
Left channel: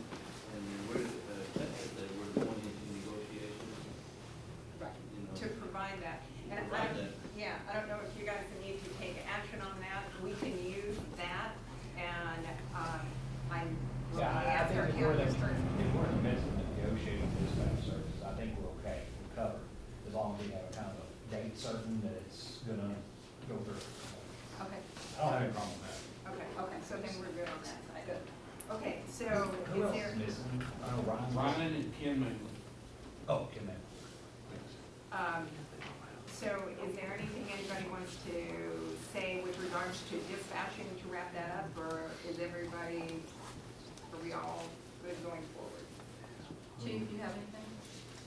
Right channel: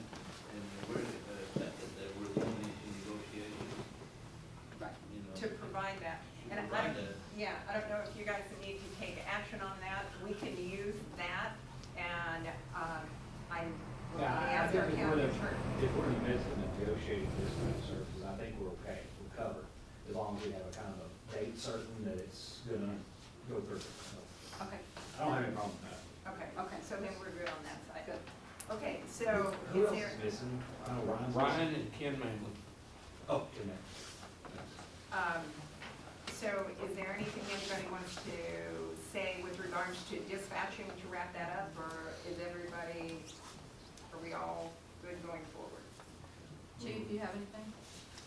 we're accepted that we're going into negotiations, Right. you know. to provide that. And I Provide don't, that. yeah, I don't know if you guys need to take action on that. We can use that and, I'm, we'll Yeah, I ask think our if we're county in attorney. the, if we're in the midst of negotiating dispatch services, I think we're okay, we're covered, as long as we have a kind of a date certain that it's gonna go through. Okay, I don't have any problem with that. Okay, so then we're good on that side. good. Okay, so Who is else there, is missing? I know Ryan's. Ryan and Ken Manley. Oh, Ken Manley. so is there anything anybody wants to say with regards to dispatching to wrap that up, or is everybody, are we all good going forward? Chief, do you have anything?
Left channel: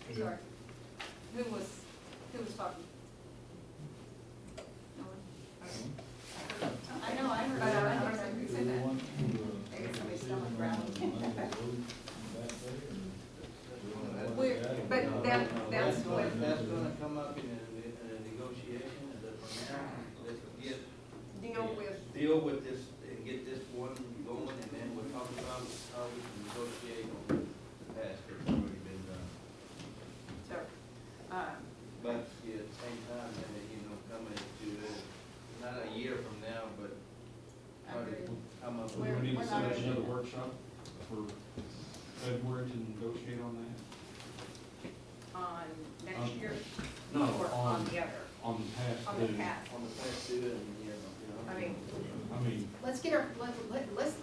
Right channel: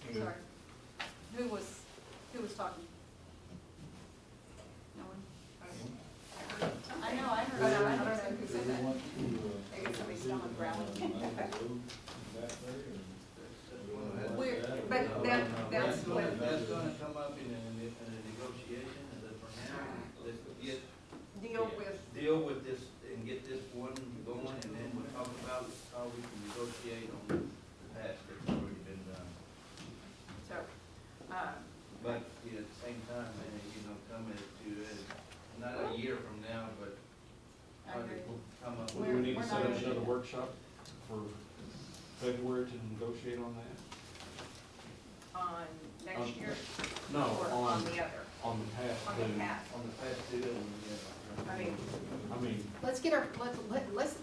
Good. Sorry. Who was talking? No one? Okay. I know, I heard I don't that. know who said that. Maybe somebody's stomach growling. We're, But that's what, That's gonna come up in a negotiation, but for now, let's get, deal with, deal with this and get this one going, and then we'll talk about how we can negotiate on the past that's already been done. so, But, yeah, at the same time, coming to, not a year from now, but I try agree. to come up Do with. we need We're to set not up gonna do another that. workshop for February to negotiate on that? on next On- year? No, Or on the other, on the past on the due. past? On the past due and, I mean, I mean, let's get our, let's,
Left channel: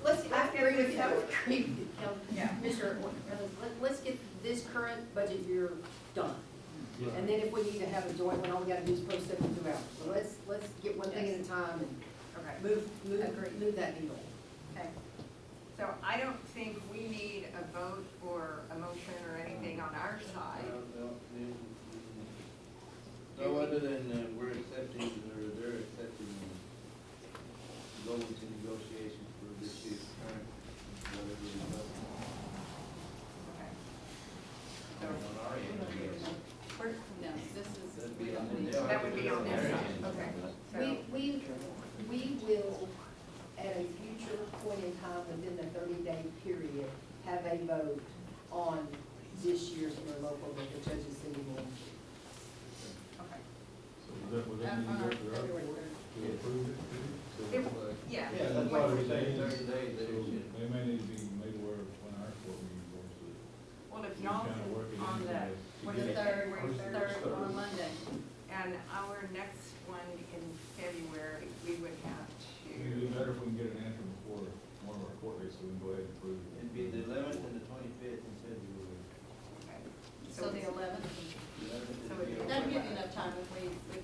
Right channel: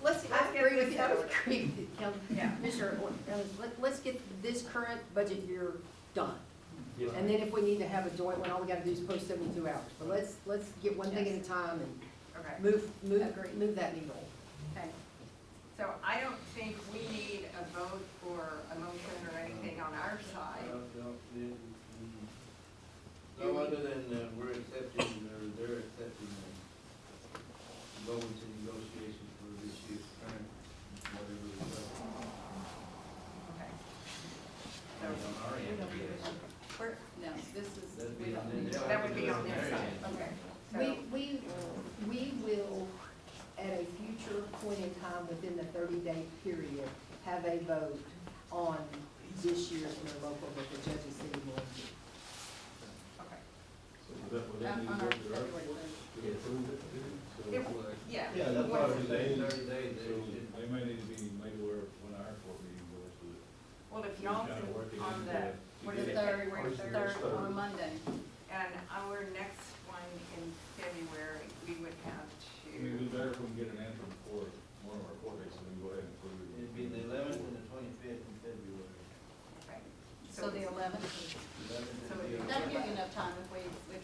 Let's I get agree this with you, I over. agree with you, Yeah. Mr. Let's get this current budget year done. And then if we need to have a joint one, all we gotta do is post 72 hours. So let's get one thing at a time and Okay. Agreed. move that needle. Okay. So I don't think we need a vote or a motion or anything on our side. No, other than, we're accepting, or they're accepting, going to negotiations for this year's current, whatever we got. Okay. On our end. No, this is, That'd we be on don't their- need. they'll That have would to be do it on their their side. end. Okay. So, We will, at a future point in time within the 30-day period, have a vote on this year's interlocal that the judges see will. okay. So would that need to On go our to the February court to approve it too? So It- it's like, Yeah. Yeah, that's why we're saying 30 days, that so it should. they may need to be made aware of when our court meeting goes to. Well, if We y'all, kinda work it on into the, the- what to is get it, it- February Third 3rd? on Monday. And our next one in February, we would have It'd be to, better if we can get an answer before one of our court dates, so we can go ahead and approve it. It'd be the 11th and the 25th in February. okay. So the 11th. 11th So and it'd be- the That'd give you enough time if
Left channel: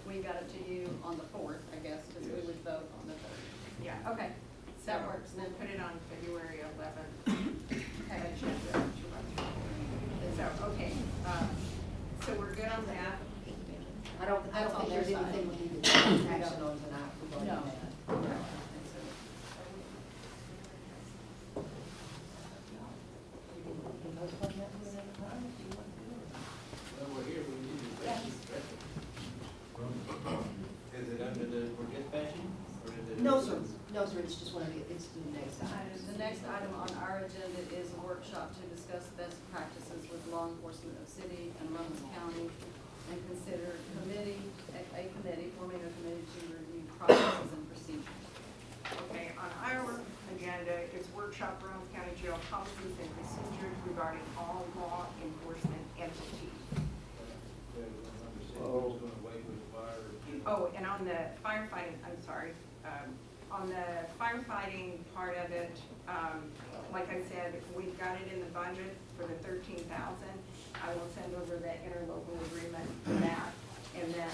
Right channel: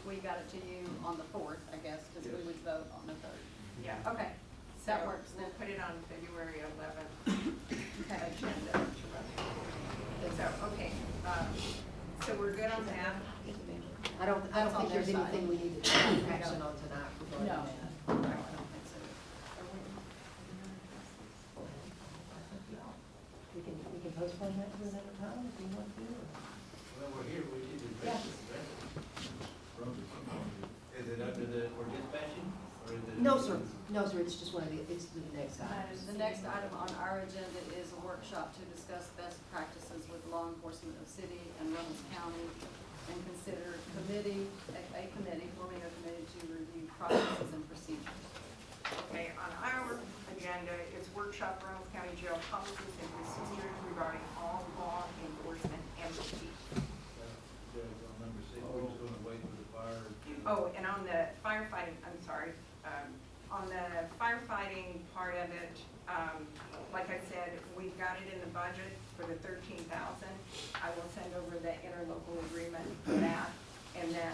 we got it to you on the 4th, I guess, because we Yes. would vote on the 3rd. Yeah. Okay, So that works then. we'll put it on February 11th. Okay. Agenda to run through. So, okay, so we're good on that? I don't That's on think there's their side. anything we need to take action on tonight regarding No, that. I don't think so. We can postpone that to another time if you want to. Well, we're here, we need to address it. Is it under the, for dispatching, or is it? No, sir, it's just one of the, it's the next item. The next item on our agenda is a workshop to discuss best practices with law enforcement of city and Reynolds County and consider forming a committee to review processes and procedures. Okay, on our agenda is workshop Reynolds County Jail policies and procedures regarding all law enforcement entities. Yeah, number 6, we're just gonna wait for the fire. Oh, and on the firefighting, I'm sorry, on the firefighting part of it, like I said, we've got it in the budget for the 13,000. I will send over the interlocal agreement for that, and then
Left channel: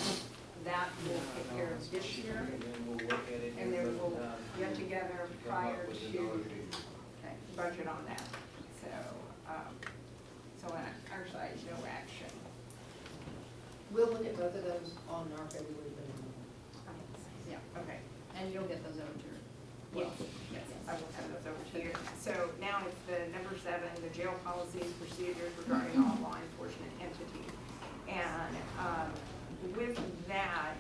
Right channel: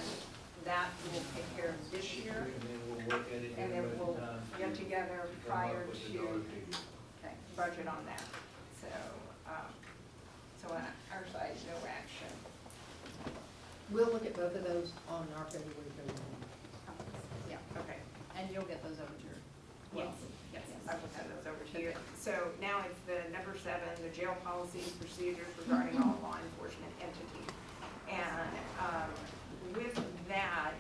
that will take care of this year. And then we'll work at it. And then budget we'll time get to together come up prior with the to dollar figure. Okay. budget on that. So, on our side, no action. We'll look at both of those on our February meeting. Yeah, Okay. and you'll get those over to her. Yes, yes, I will send those over to you. So now it's the number 7, the jail policies, procedures regarding all law enforcement entities. And with that,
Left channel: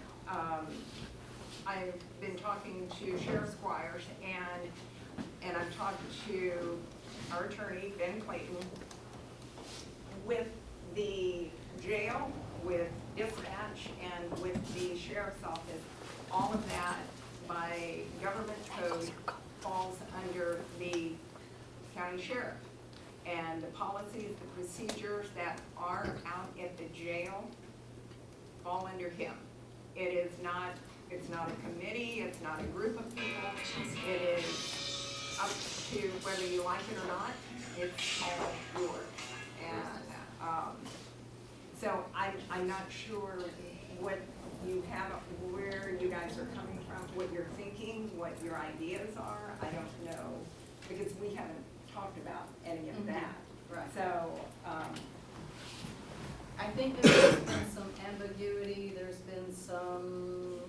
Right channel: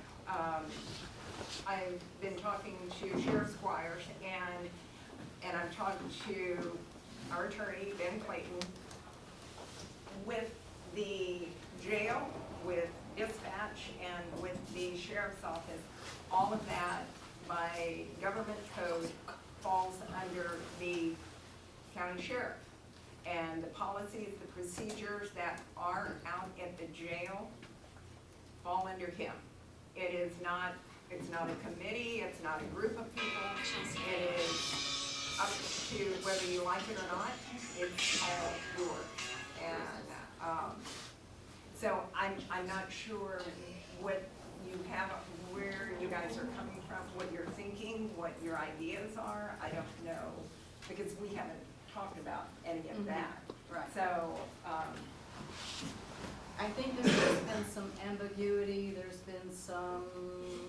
I've been talking to Sheriff Squires and I'm talking to our attorney, Ben Clayton, with the jail, with dispatch, and with the sheriff's office. All of that by government code falls under the county sheriff. And the policies, the procedures that are out at the jail fall under him. It is not, it's not a committee, it's not a group of people. It is up to whether you like it or not, it's all yours. And, so I'm not sure what you have, where you guys are coming from, what you're thinking, what your ideas are. I don't know, because we haven't talked about any of that. Right. So, I think there's been some ambiguity, there's been some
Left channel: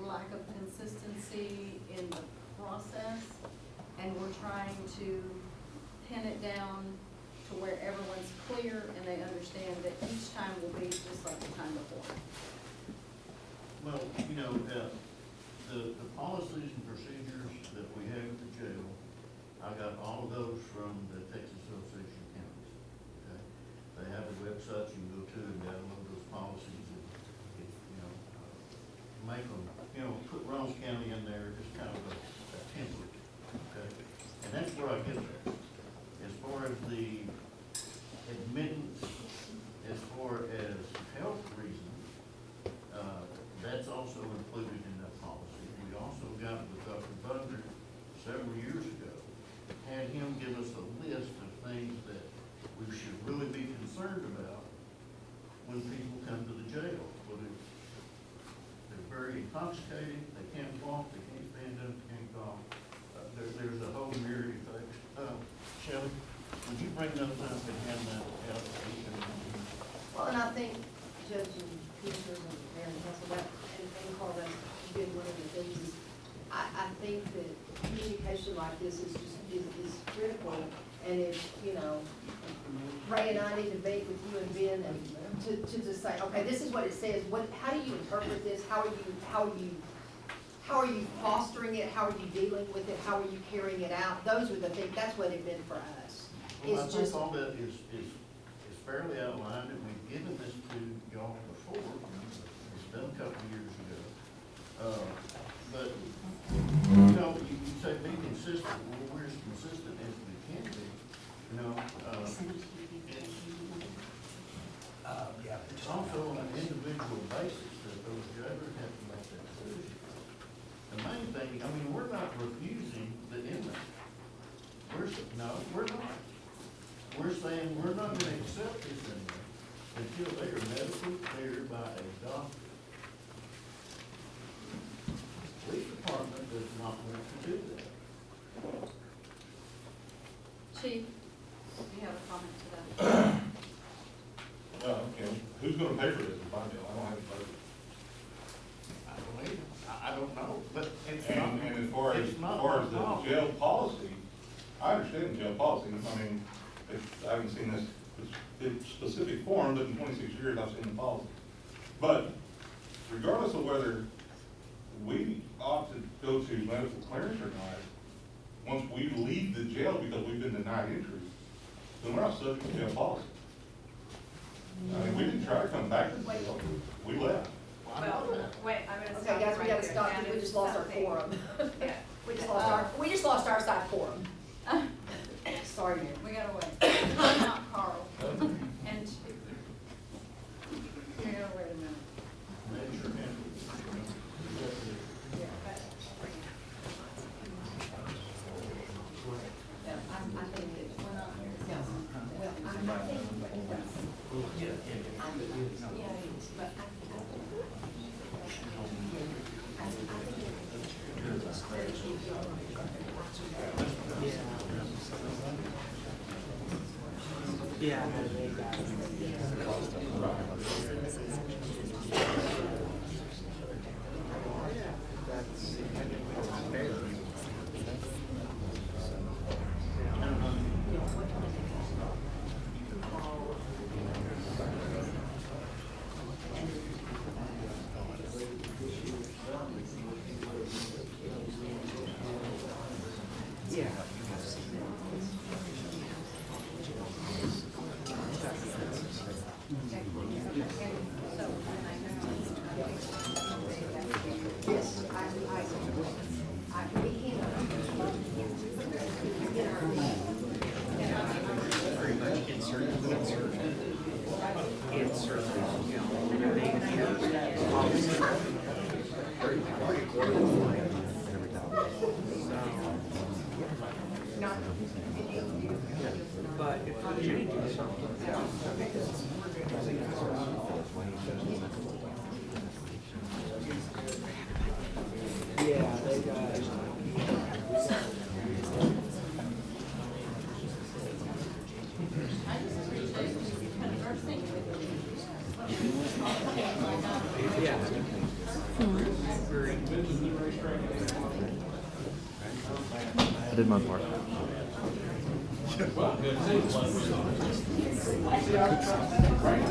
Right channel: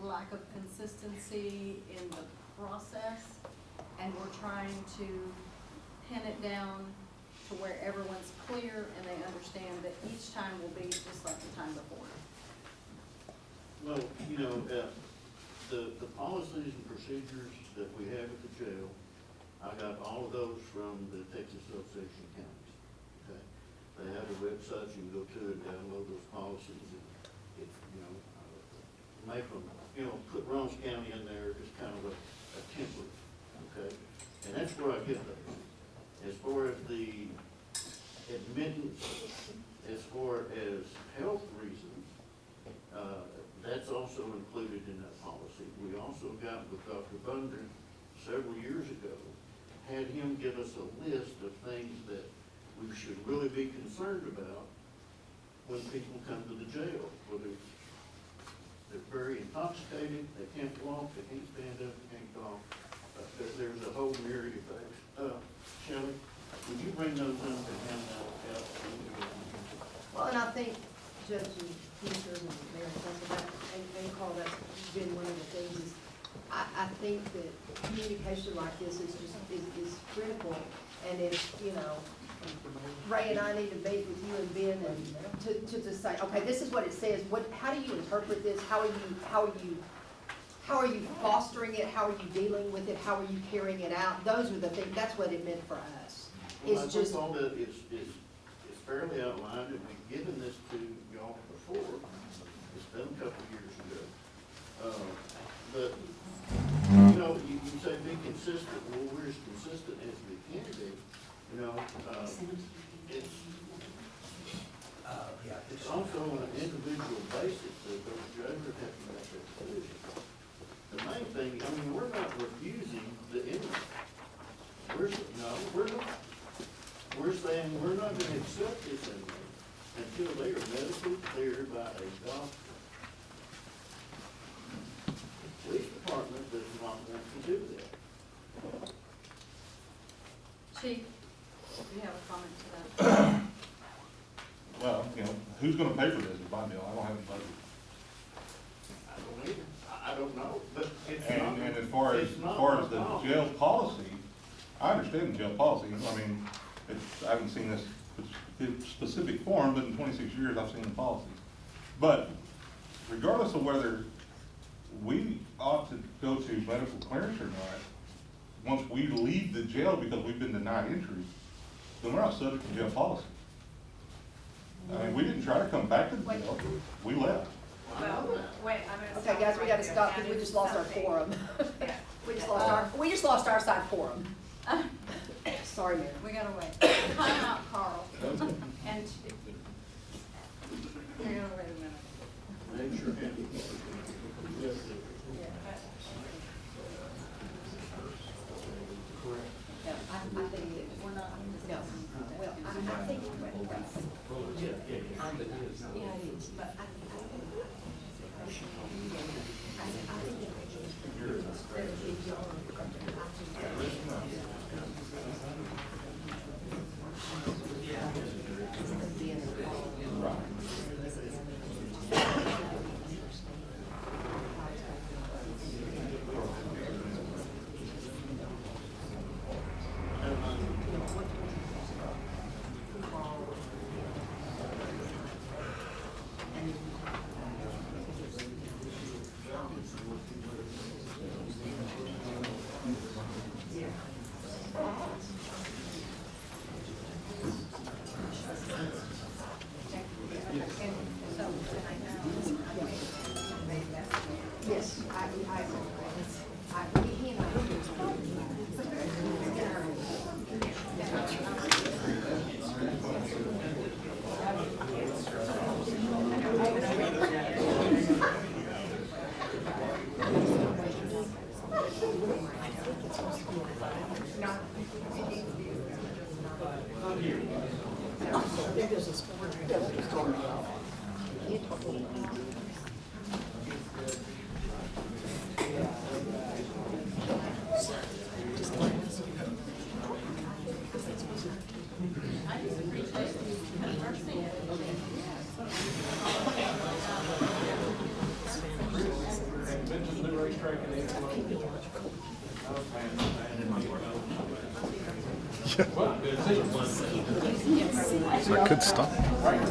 lack of consistency in the process, and we're trying to pin it down to where everyone's clear and they understand that each time will be just like the time before. Well, you know, the policies and procedures that we have at the jail, I got all of those from the Texas Association of Counties, okay? They have a website, you can go to and download those policies and, if, you know, make them, you know, put Reynolds County in there, just kind of a template, okay? And that's where I get those. As far as the admittance, as far as health reasons, that's also included in that policy. We also got with Dr. Bundren several years ago, had him give us a list of things that we should really be concerned about when people come to the jail, whether they're very intoxicated, they can't walk, they can't stand up, they can't talk. There's a whole myriad of things. Shelley, would you bring those up and hand that out? Well, and I think Judge and Commissioners and Mayor and Council, that, and Carl, that's been one of the things is, I think that communication like this is just, is critical. And if, you know, Ray and I need to meet with you and Ben and to just say, okay, this is what it says, how do you interpret this? How are you fostering it? How are you dealing with it? How are you carrying it out? Those are the things, that's what it meant for us. Well, I It's think just, all that is fairly outlined, and we've given this to y'all before, it's done a couple of years ago. But, you know, you say be consistent, well, we're as consistent as we can be, you know, it's also on an individual basis that those judges have to make that decision. The main thing, I mean, we're not refusing the inmate. No, we're not. We're saying we're not gonna accept this inmate until they are medically cleared by a doctor. Police department does not want to do that. Chief, do you have a comment to that? Well, you know, who's gonna pay for this is my deal, I don't have a budget. I don't either. I don't know, but it's And, not. and as far as it's not the our problem. jail policy, I understand the jail policy, I mean, I haven't seen this in specific form, but in 26 years, I've seen the policy. But regardless of whether we ought to go to medical clearance or not, once we leave the jail because we've been denied entry, then we're not subject to jail policy. I mean, we didn't try to come back to the jail, we left. Well, wait, I'm gonna stop. okay, guys, we right gotta there. stop, That because we is just lost our something- quorum. Yeah. We just lost our side quorum. Sorry, Mayor. We gotta wait. Time out, Carl. And Chief. We gotta wait a minute. Make sure. Yeah, I think that We're not No, discussing that. well, I think, yeah, it is, but I think yes, we I just appreciate you conversing with me. Mentioned the racetrack and I did my part. Well, good to see you. Good stuff. Right?